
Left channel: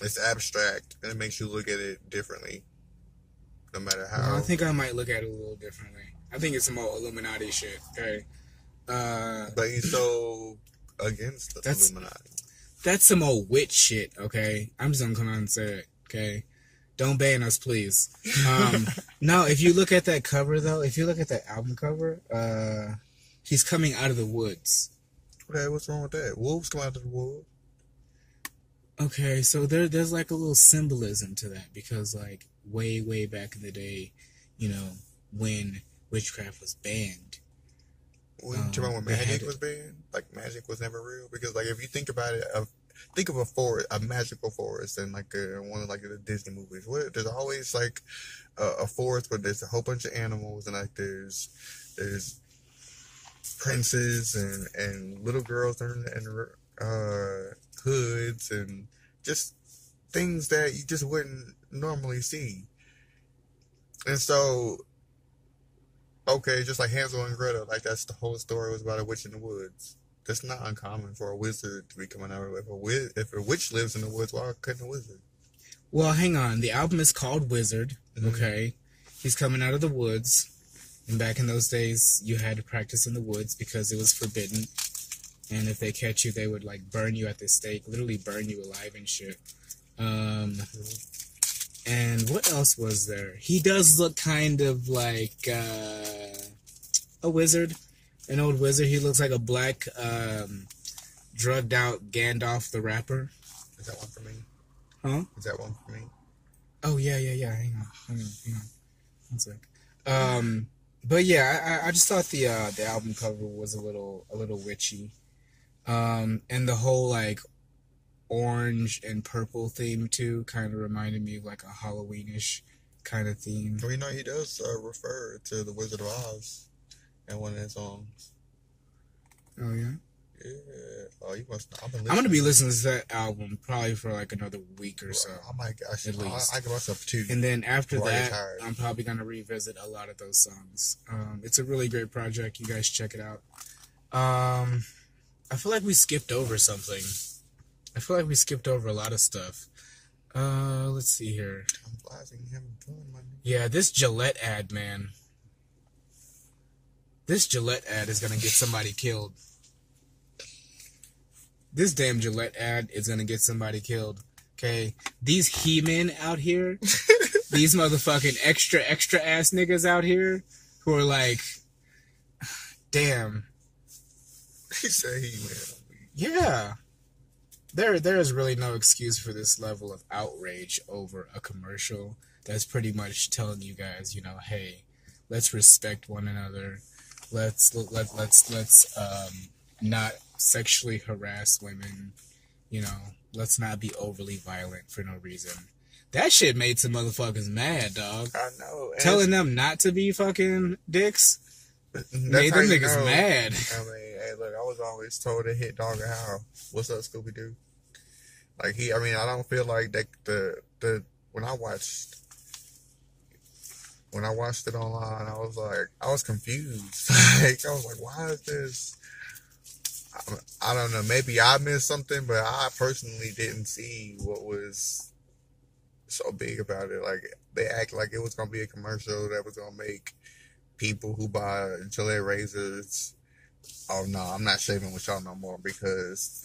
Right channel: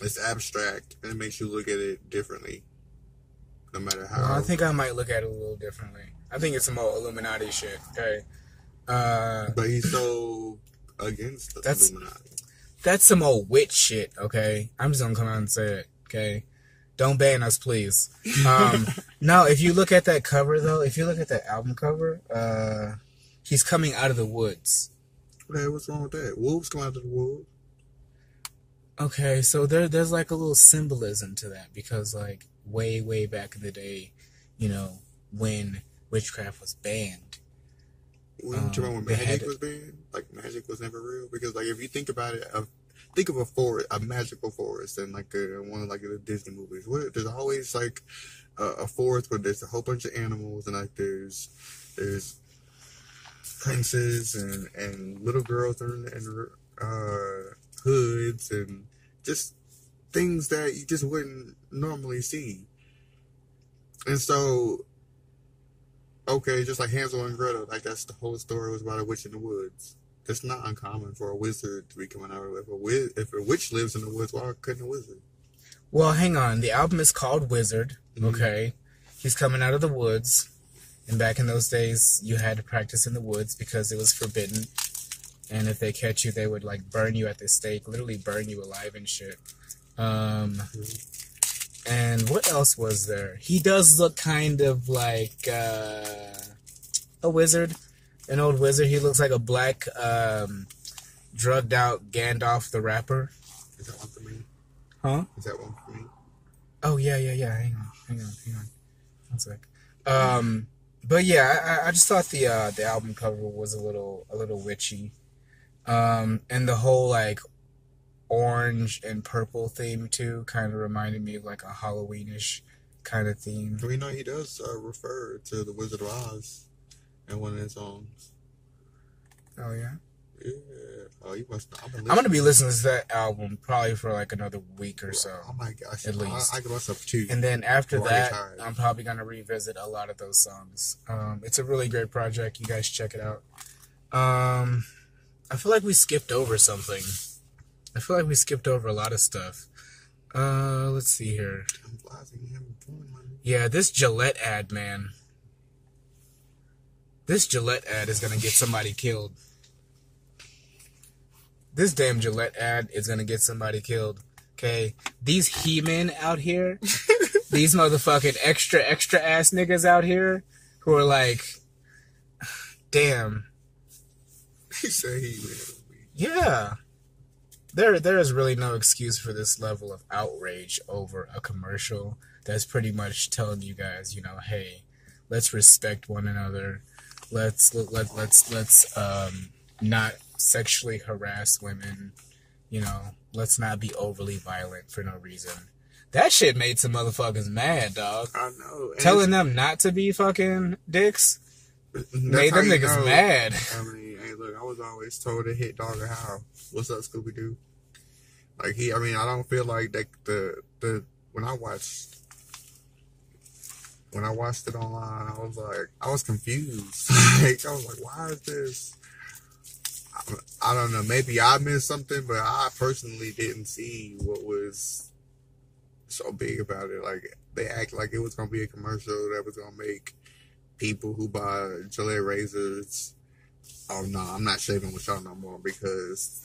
it's abstract, and it makes you look at it differently, no matter how. Well, I think I might look at it a little differently. I think it's some old Illuminati shit, okay? But he's so against the Illuminati. That's some old witch shit, okay? I'm just gonna come out and say it, okay? Don't ban us, please. No, if you look at that cover, though, if you look at that album cover, he's coming out of the woods. Okay, what's wrong with that? Wolves come out of the woods. Okay, so there's a little symbolism to that because way back in the day, when witchcraft was banned. When magic was banned? Magic was never real? Because if you think about it, think of a forest, a magical forest, and one of the Disney movies. There's always a forest where there's a whole bunch of animals and there's princes and little girls and hoods and just things that you just wouldn't normally see. And so, okay, just like Hansel and Gretel, that's the whole story was about a witch in the woods. That's not uncommon for a wizard to be coming out of it. If a witch lives in the woods, why couldn't a wizard? Well, hang on. The album is called Wizard, okay? He's coming out of the woods. And back in those days, you had to practice in the woods because it was forbidden. And if they catch you, they would, burn you at the stake. Literally burn you alive and shit. And what else was there? He does look kind of like a wizard. An old wizard. He looks like a black, drugged out Gandalf the Rapper. Is that one for me? Huh? Is that one for me? Oh, yeah. Hang on. 1 sec. But yeah, I just thought the album cover was a little witchy, and the whole like orange and purple theme too kind of reminded me of like a Halloweenish kind of theme. Well, you know, he does refer to the Wizard of Oz in one of his songs. Oh yeah. Yeah. Oh, you must. I'm gonna be listening to that album probably for like another week or so. Oh my gosh, at least. I give myself 2. And then after that, I'm probably gonna revisit a lot of those songs. It's a really great project. You guys check it out. I feel like we skipped over something. I feel like we skipped over a lot of stuff. Let's see here. Yeah, this Gillette ad, man. This Gillette ad is gonna get somebody killed. This damn Gillette ad is gonna get somebody killed. Okay? These he-men out here, these motherfucking extra ass niggas out here who are like, damn. He said he-men. Yeah. There is really no excuse for this level of outrage over a commercial that's pretty much telling you guys, you know, hey, let's respect one another. Let's not sexually harass women, you know, let's not be overly violent for no reason. That shit made some motherfuckers mad, dog. I know. Telling them not to be fucking dicks made them niggas mad. I mean, hey, look, I was always told to hit dog or howl. What's up, Scooby-Doo? Like, I don't feel like that when I watched it online, I was confused. Like, I was like, why is this? I don't know. Maybe I missed something, but I personally didn't see what was so big about it. Like, they act like it was going to be a commercial that was going to make people who buy Gillette razors, oh no, I'm not shaving with y'all no more because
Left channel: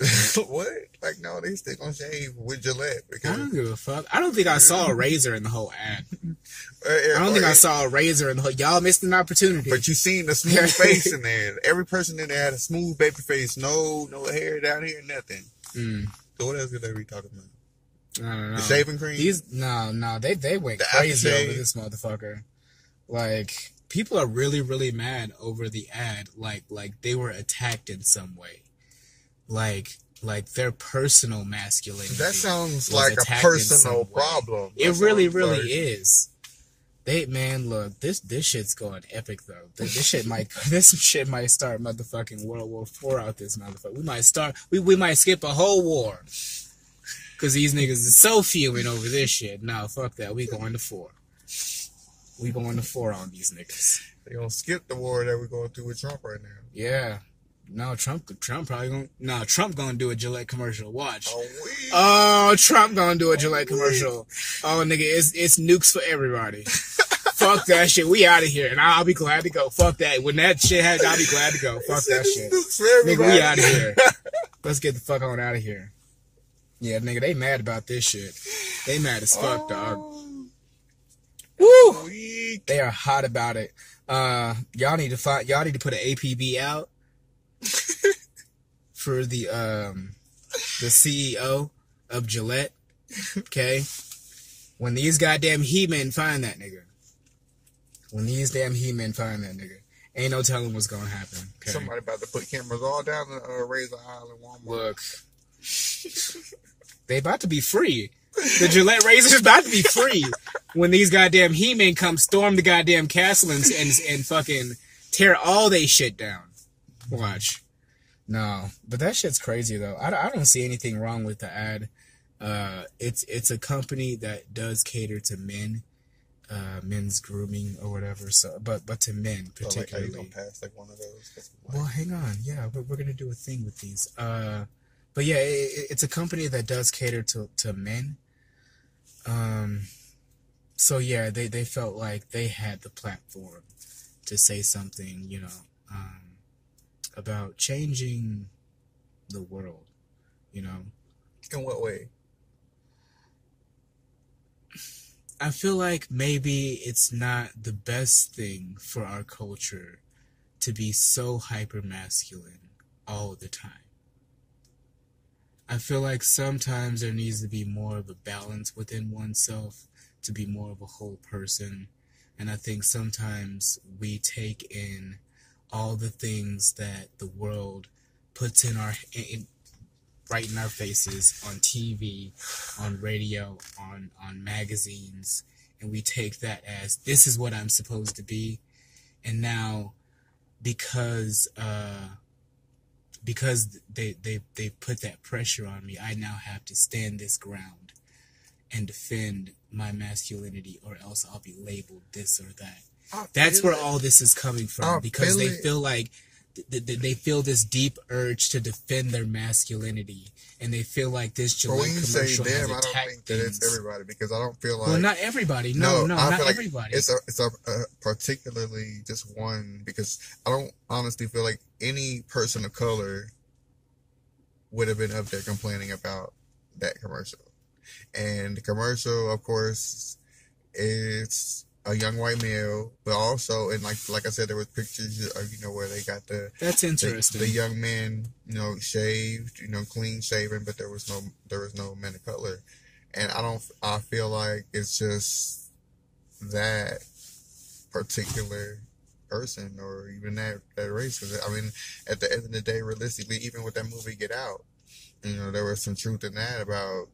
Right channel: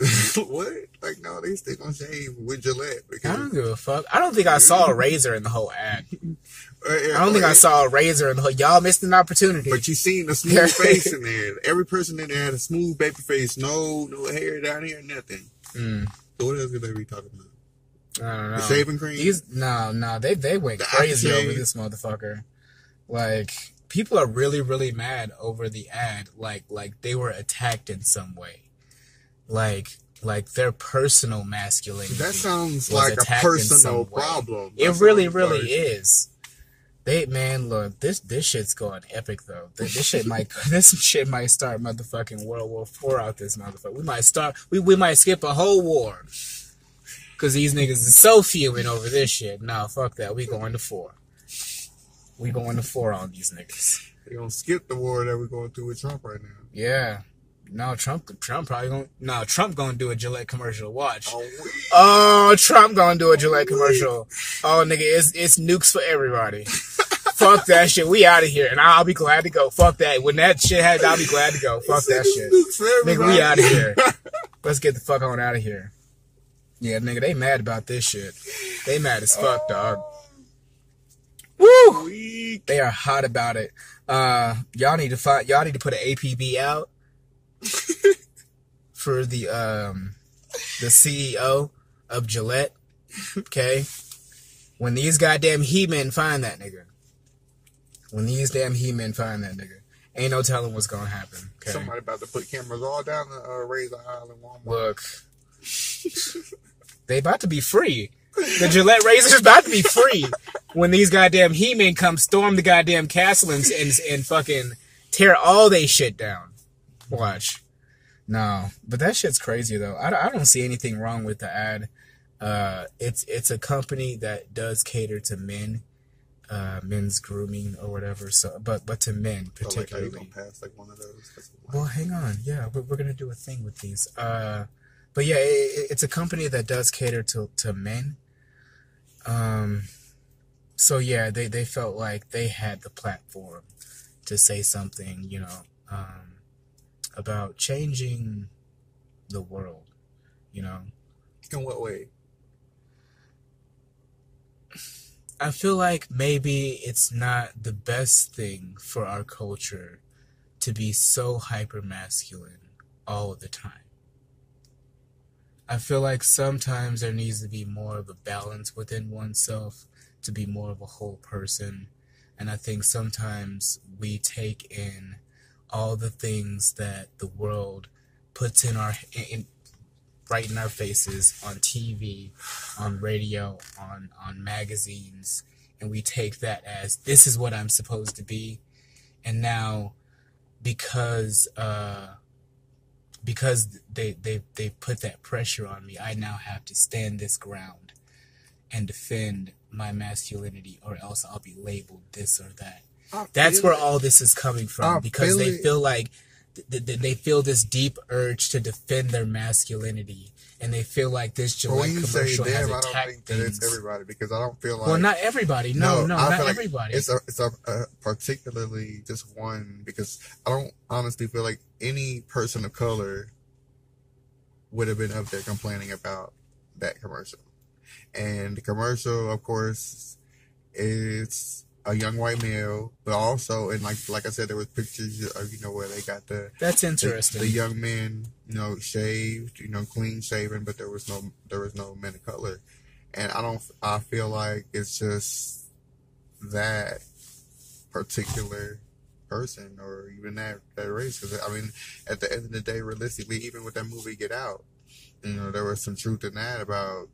what? Like, no, they still gonna shave with Gillette. Because, I don't give a fuck. I don't think I saw a razor in the whole ad. I don't think I saw a razor in the whole. Y'all missed an opportunity. But you seen the smooth face in there. Every person in there had a smooth baby face. No hair down here, nothing. So what else could they be talking about? I don't know. The shaving cream? They went crazy over this motherfucker. Like, people are really, really mad over the ad. Like they were attacked in some way. Like their personal masculinity. That sounds like a personal problem. It really is. Look, this shit's going epic though. This shit might start motherfucking World War IV out this motherfucker. We might skip a whole war. Cause these niggas is so fuming over this shit. No, fuck that. We going to 4. We going to 4 on these niggas. They gonna skip the war that we're going through with Trump right now. Yeah. No, Trump gonna do a Gillette commercial. Watch. Oh, Trump gonna do a Gillette commercial. Oh, nigga, it's nukes for everybody. Fuck that shit. We out of here, and I'll be glad to go. Fuck that. When that shit happens, I'll be glad to go. Fuck that shit. Nigga, we out of here. Let's get the fuck on out of here. Yeah, nigga, they mad about this shit. They mad as fuck, dog. Woo! They are hot about it. Y'all need to put an APB out for the CEO of Gillette. Okay? When these goddamn he-men find that nigga. Ain't no telling what's gonna happen. Okay? Somebody about to put cameras all down the Razor Island Walmart. Look. They about to be free. The Gillette razor's about to be free when these goddamn he-men come storm the goddamn castle and fucking tear all they shit down. Watch. No, but that shit's crazy though. I don't see anything wrong with the ad. It's a company that does cater to men, men's grooming or whatever. So, but to men particularly. Like, are you gonna pass like one of those? Well, hang on. Yeah, we're gonna do a thing with these. But yeah, it's a company that does cater to men. So yeah, they felt like they had the platform to say something, you know, about changing the world, you know. In what way? I feel like maybe it's not the best thing for our culture to be so hyper masculine all the time. I feel like sometimes there needs to be more of a balance within oneself to be more of a whole person. And I think sometimes we take in all the things that the world puts right in our faces on TV, on radio, on magazines, and we take that as this is what I'm supposed to be. And now, because they put that pressure on me, I now have to stand this ground and defend my masculinity, or else I'll be labeled this or that. That's where all this is coming from, because they feel like they feel this deep urge to defend their masmasculinity, and they feel like this Gillette commercial has attacked I don't think that it's everybody, because I don't feel like... Well, not everybody. No, not everybody. It's a particularly just one, because I don't honestly feel like any person of color would have been up there complaining about that commercial. And the commercial, of course, is a young white male, but also, and like I said, there was pictures of, where they got that's interesting. The young men, shaved, clean shaven, but there was no men of color. And I feel like it's just that particular person, or even that race. Cause, I mean, at the end of the day, realistically, even with that movie Get Out, there was some truth in that about,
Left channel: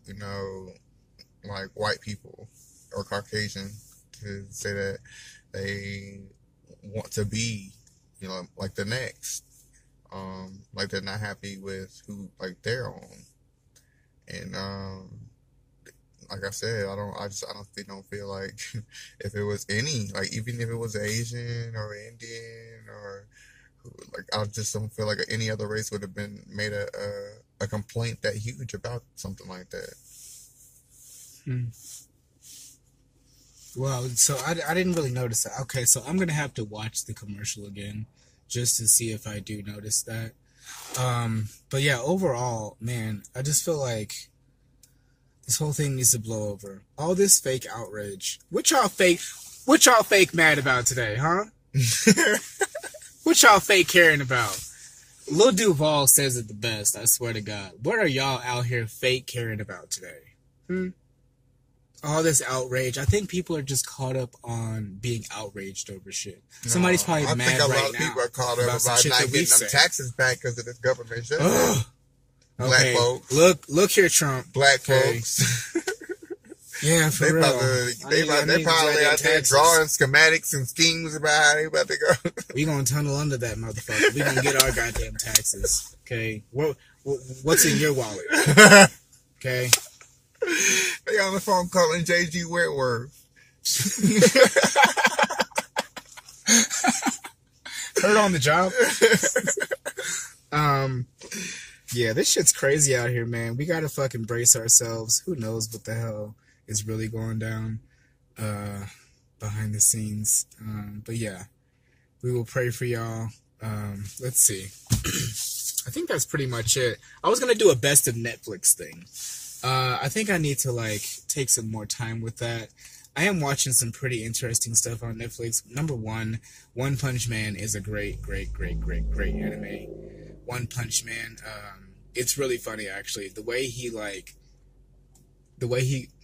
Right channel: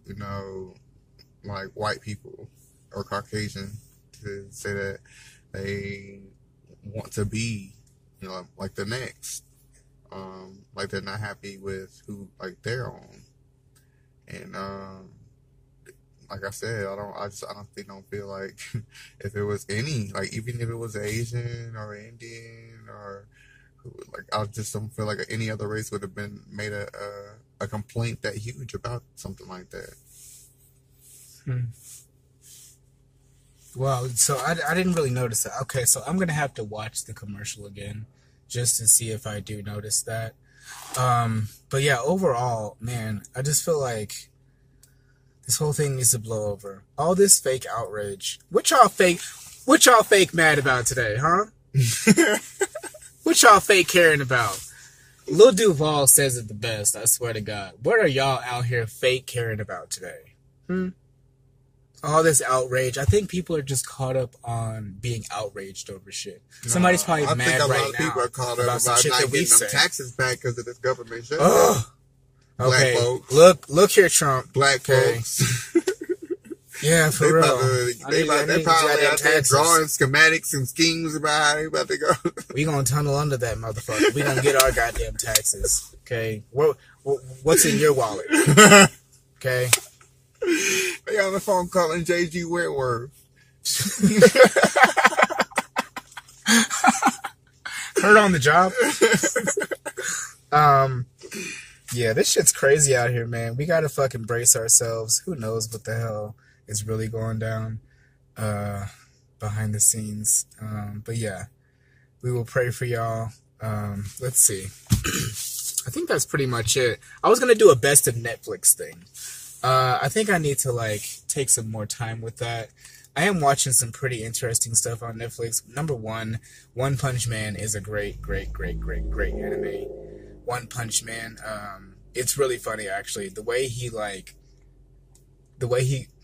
like white people or Caucasian to say that they want to be, like the next, like they're not happy with who, like their own. And, like I said, I honestly don't feel like if it was any, like even if it was Asian or Indian or like, I just don't feel like any other race would have been made a complaint that huge about something like that. Well, so I didn't really notice that. Okay, so I'm going to have to watch the commercial again just to see if I do notice that. But yeah, overall, man, I just feel like this whole thing needs to blow over. All this fake outrage. What y'all fake mad about today, huh? What y'all fake caring about? Lil Duval says it the best, I swear to God. What are y'all out here fake caring about today? All this outrage. I think people are just caught up on being outraged over shit. Somebody's probably mad right now. I think a lot of people are caught up about not getting them taxes back because of this government shit. Black folks. Look here, Trump. Black folks. Yeah, for real. They probably out there drawing schematics and schemes about how they about to go. We gonna tunnel under that motherfucker. We gonna get our goddamn taxes. Okay? What's in your wallet? Okay? They on the phone calling J.G. Whitworth. Heard on the job. Yeah, this shit's crazy out here, man. We gotta fucking brace ourselves. Who knows what the hell is really going down behind the scenes. But yeah, we will pray for y'all. Let's see. I think that's pretty much it. I was gonna do a best of Netflix thing. I think I need to take some more time with that. I am watching some pretty interesting stuff on Netflix. Number one, One Punch Man is a great anime. One Punch Man, it's really funny actually.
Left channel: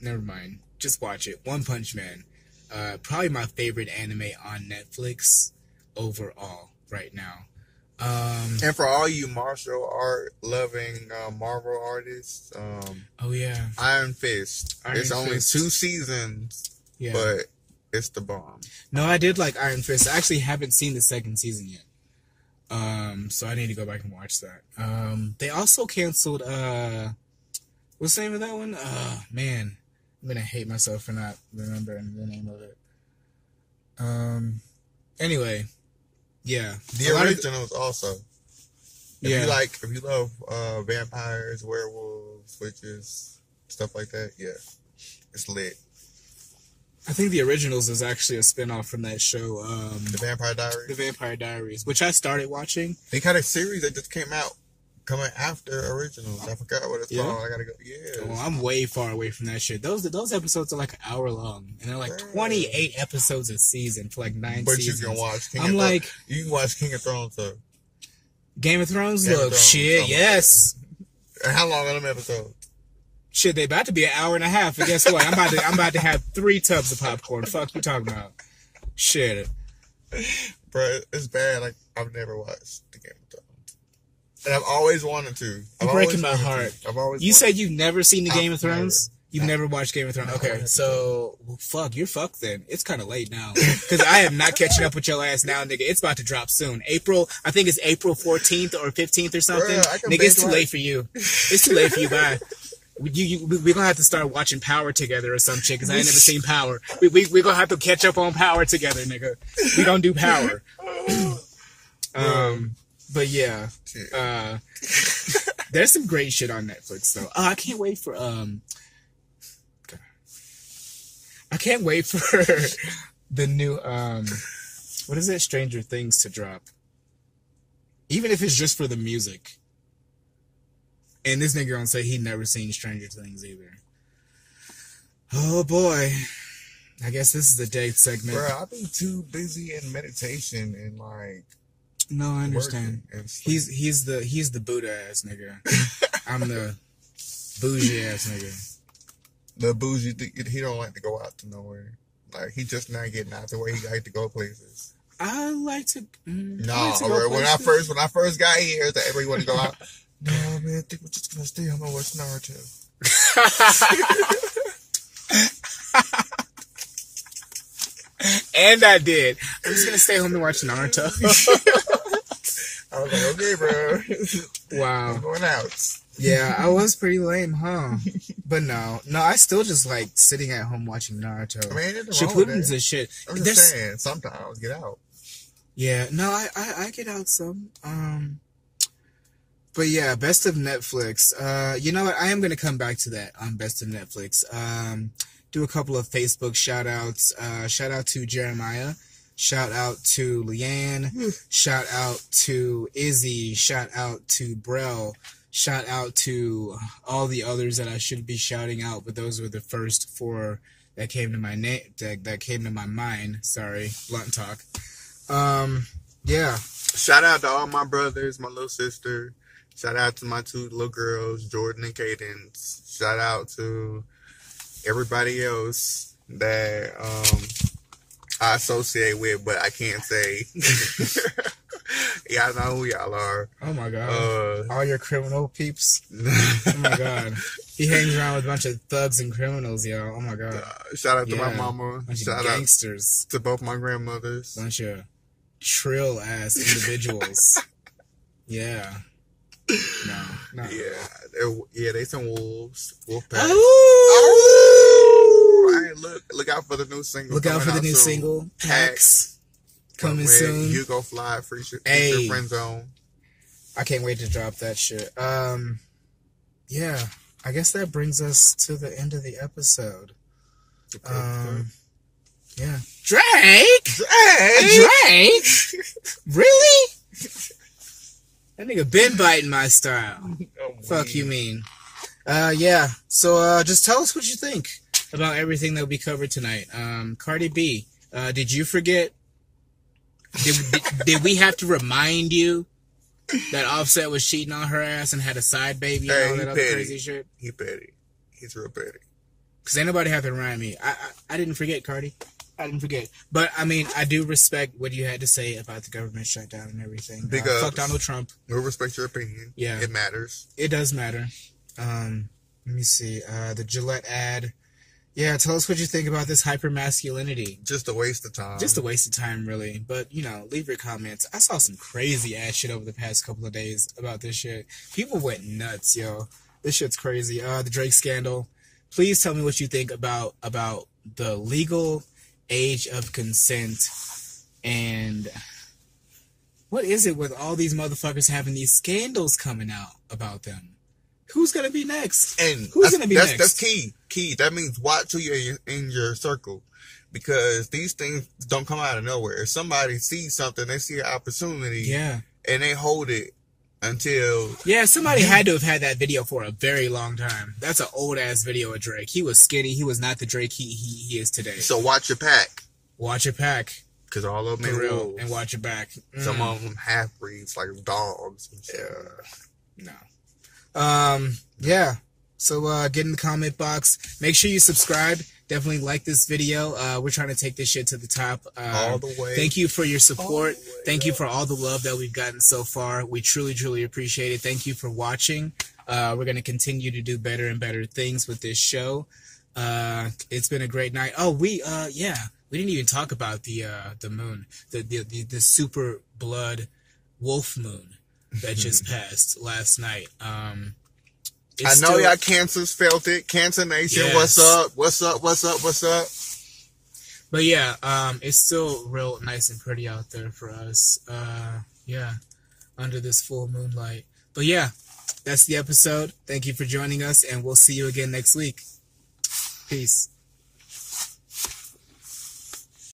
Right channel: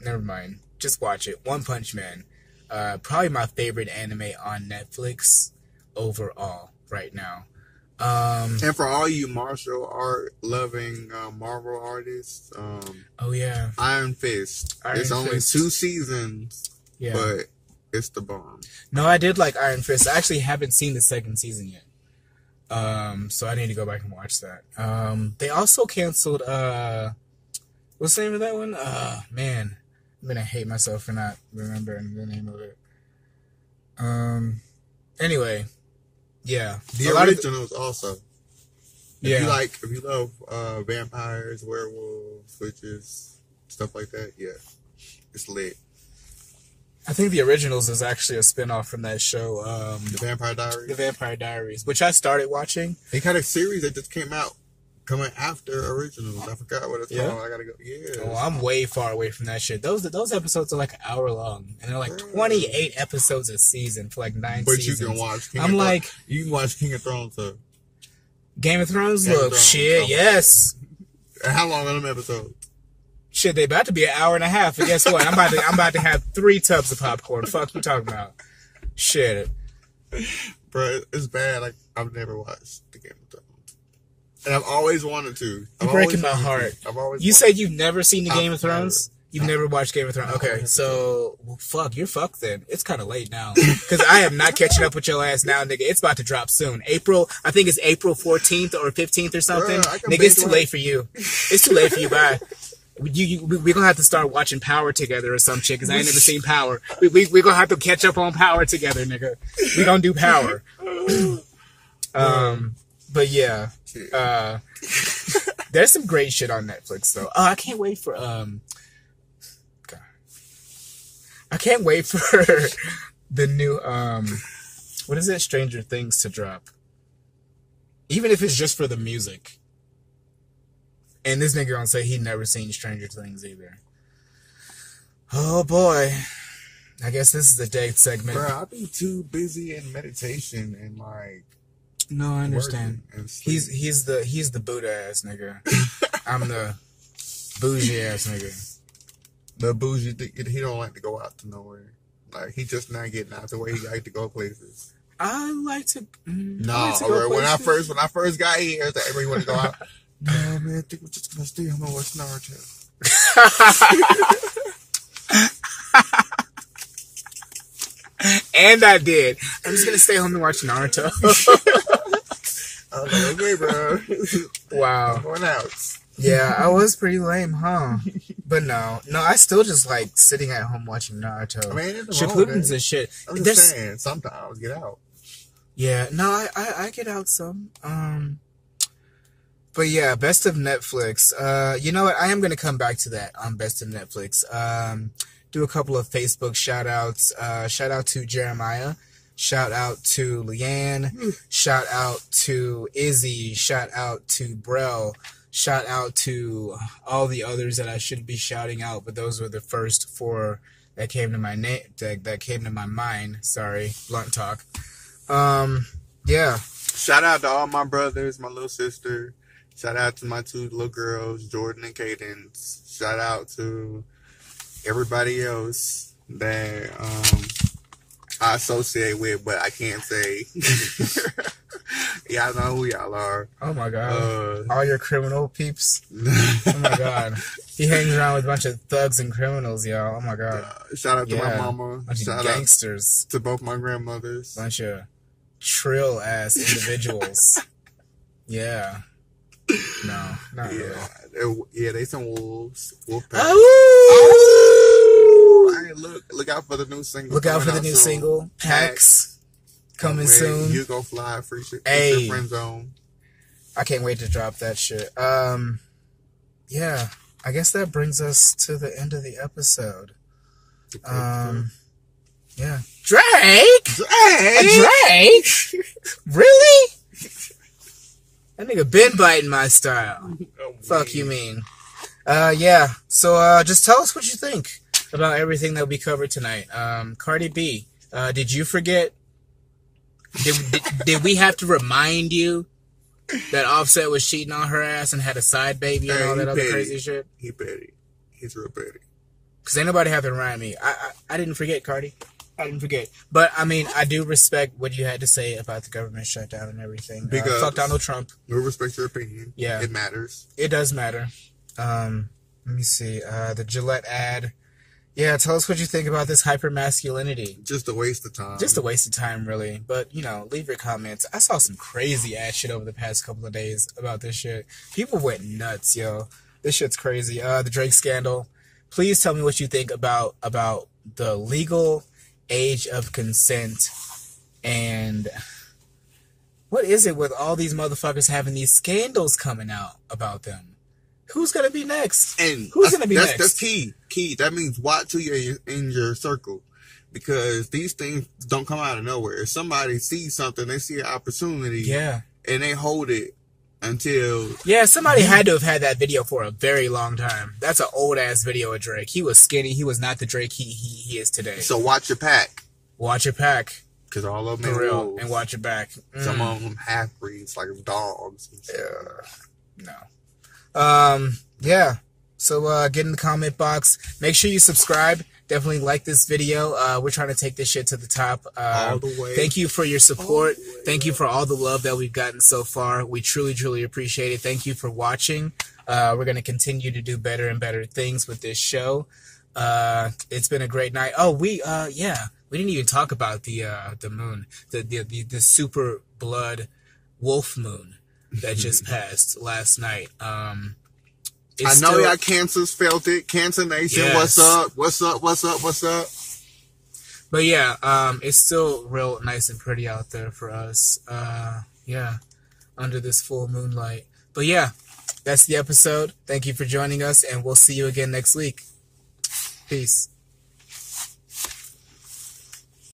Never mind. Just watch it. One Punch Man, probably my favorite anime on Netflix overall right now. And for all you martial art loving Marvel artists, oh yeah, Iron Fist. It's only 2 seasons, yeah, but it's the bomb. No, I did like Iron Fist. I actually haven't seen the 2nd season yet. So I need to go back and watch that. They also canceled, what's the name of that one? Man, I'm gonna hate myself for not remembering the name of it. Anyway, yeah. The originals also. Yeah. If you love, vampires, werewolves, witches, stuff like that, yeah. It's lit. I think The Originals is actually a spinoff from that show, The Vampire Diaries. The Vampire Diaries, which I started watching. They got a series that just came out, coming after Originals. I forgot what it's called. I gotta go. Yeah. Well, I'm way far away from that shit. Those episodes are like an hour long, and they're like 28 episodes a season for like 9 seasons. But you can watch. You can watch King of Thrones though. Game of Thrones. Look, shit, yes. And how long are them episodes? Shit, they about to be an hour and a half. And guess what? I'm about to have 3 tubs of popcorn. Fuck you talking about? Shit. Bro, it's bad. Like, I've never watched the Game of Thrones. And I've always wanted to. You're breaking my heart. You said you've never seen the Game of Thrones? You've never watched Game of Thrones? Okay, so, well, fuck, you're fucked then. It's kind of late now. Because I am not catching up with your ass now, nigga. It's about to drop soon. I think it's April 14th or 15th or something. Nigga, it's too late for you. It's too late for you, bye. We're going to have to start watching Power together or some shit, because I ain't never seen Power. We're going to have to catch up on Power together, nigga. We're going to do Power. But yeah. There's some great shit on Netflix, though. I can't wait for, I can't wait for the new, what is that, Stranger Things to drop. Even if it's just for the music. And this nigga gonna say he never seen Stranger Things either. Oh boy. I guess this is the date segment. Bro, I be too busy in meditation and like. No, I understand. He's the Buddha ass nigga. I'm the bougie ass nigga. The bougie, he don't like to go out to nowhere. Like, he just not getting out the way he like to go places. I like to. No, when I first got here, everybody want to go out. No, man, I think we're just gonna stay home and watch Naruto. And I did. I'm just gonna stay home and watch Naruto. I was like, okay, bro. Wow. I'm going out. Yeah, I was pretty lame, huh? But no, I still just like sitting at home watching Naruto. I mean, Shippuden's and shit. I'm just saying, sometimes get out. Yeah, no, I get out some. But yeah, Best of Netflix. You know what? I am gonna come back to that on Best of Netflix. Do a couple of Facebook shout outs. Shout out to Jeremiah. Shout out to Leanne. Shout out to Izzy. Shout out to Brell. Shout out to all the others that I should be shouting out, but those were the first four that came to my that came to my mind. Sorry, blunt talk. Yeah. Shout out to all my brothers, my little sister. Shout out to my two little girls, Jordan and Cadence. Shout out to everybody else that I associate with, but I can't say. Y'all know who y'all are. Oh my god. All your criminal peeps. Oh my god. He hangs around with a bunch of thugs and criminals, y'all. Oh my god. Shout out to my mama. Bunch of gangsters. To both my grandmothers. Bunch of trill ass individuals. Yeah. No, not really. Yeah, they some wolves. Wolf pack. Hey, look out for the new single. Look out for the new single. Packs. Coming soon. Yugo Flii, FrndZone. I can't wait to drop that shit. Yeah. I guess that brings us to the end of the episode. Yeah. Drake? Really? That nigga been biting my style. Fuck you mean. Yeah. So, just tell us what you think about everything that we covered tonight. Cardi B, did you forget? Did we have to remind you that Offset was cheating on her ass and had a side baby and all that other crazy shit? He petty. He's real petty. Because ain't nobody have to remind me. I didn't forget, Cardi. I didn't forget. But, I mean, I do respect what you had to say about the government shutdown and everything. Fuck Donald Trump. We respect your opinion. Yeah. It matters. It does matter. Let me see. The Gillette ad. Yeah, tell us what you think about this hypermasculinity. Just a waste of time. Just a waste of time, really. But, you know, leave your comments. I saw some crazy ass shit over the past couple of days about this shit. People went nuts, yo. This shit's crazy. The Drake scandal. Please tell me what you think about the legal age of consent and what is it with all these motherfuckers having these scandals coming out about them? Who's gonna be next? And who's gonna be next? That's key. That means watch who you're in your circle, because these things don't come out of nowhere. If somebody sees something, they see an opportunity, and they hold it until somebody had to have had that video for a very long time. That's an old ass video of Drake. He was skinny. He was not the Drake he is today. So watch your pack. Watch your pack. Because all of them are real, and watch your back. Some of them half breeds, like dogs. No. Yeah. So get in the comment box. Make sure you subscribe definitely like this video. We're trying to take this shit to the top. All the way. Thank you for your support. Thank you for all the love that we've gotten so far. We truly, truly appreciate it. Thank you for watching. We're going to continue to do better and better things with this show. It's been a great night. Oh, we didn't even talk about the moon, the super blood wolf moon that just passed last night. I know y'all Cancers felt it. Cancer Nation, yes. What's up? What's up? What's up? What's up? But yeah, it's still real nice and pretty out there for us. Yeah, under this full moonlight. But yeah, that's the episode. Thank you for joining us, and we'll see you again next week. Peace.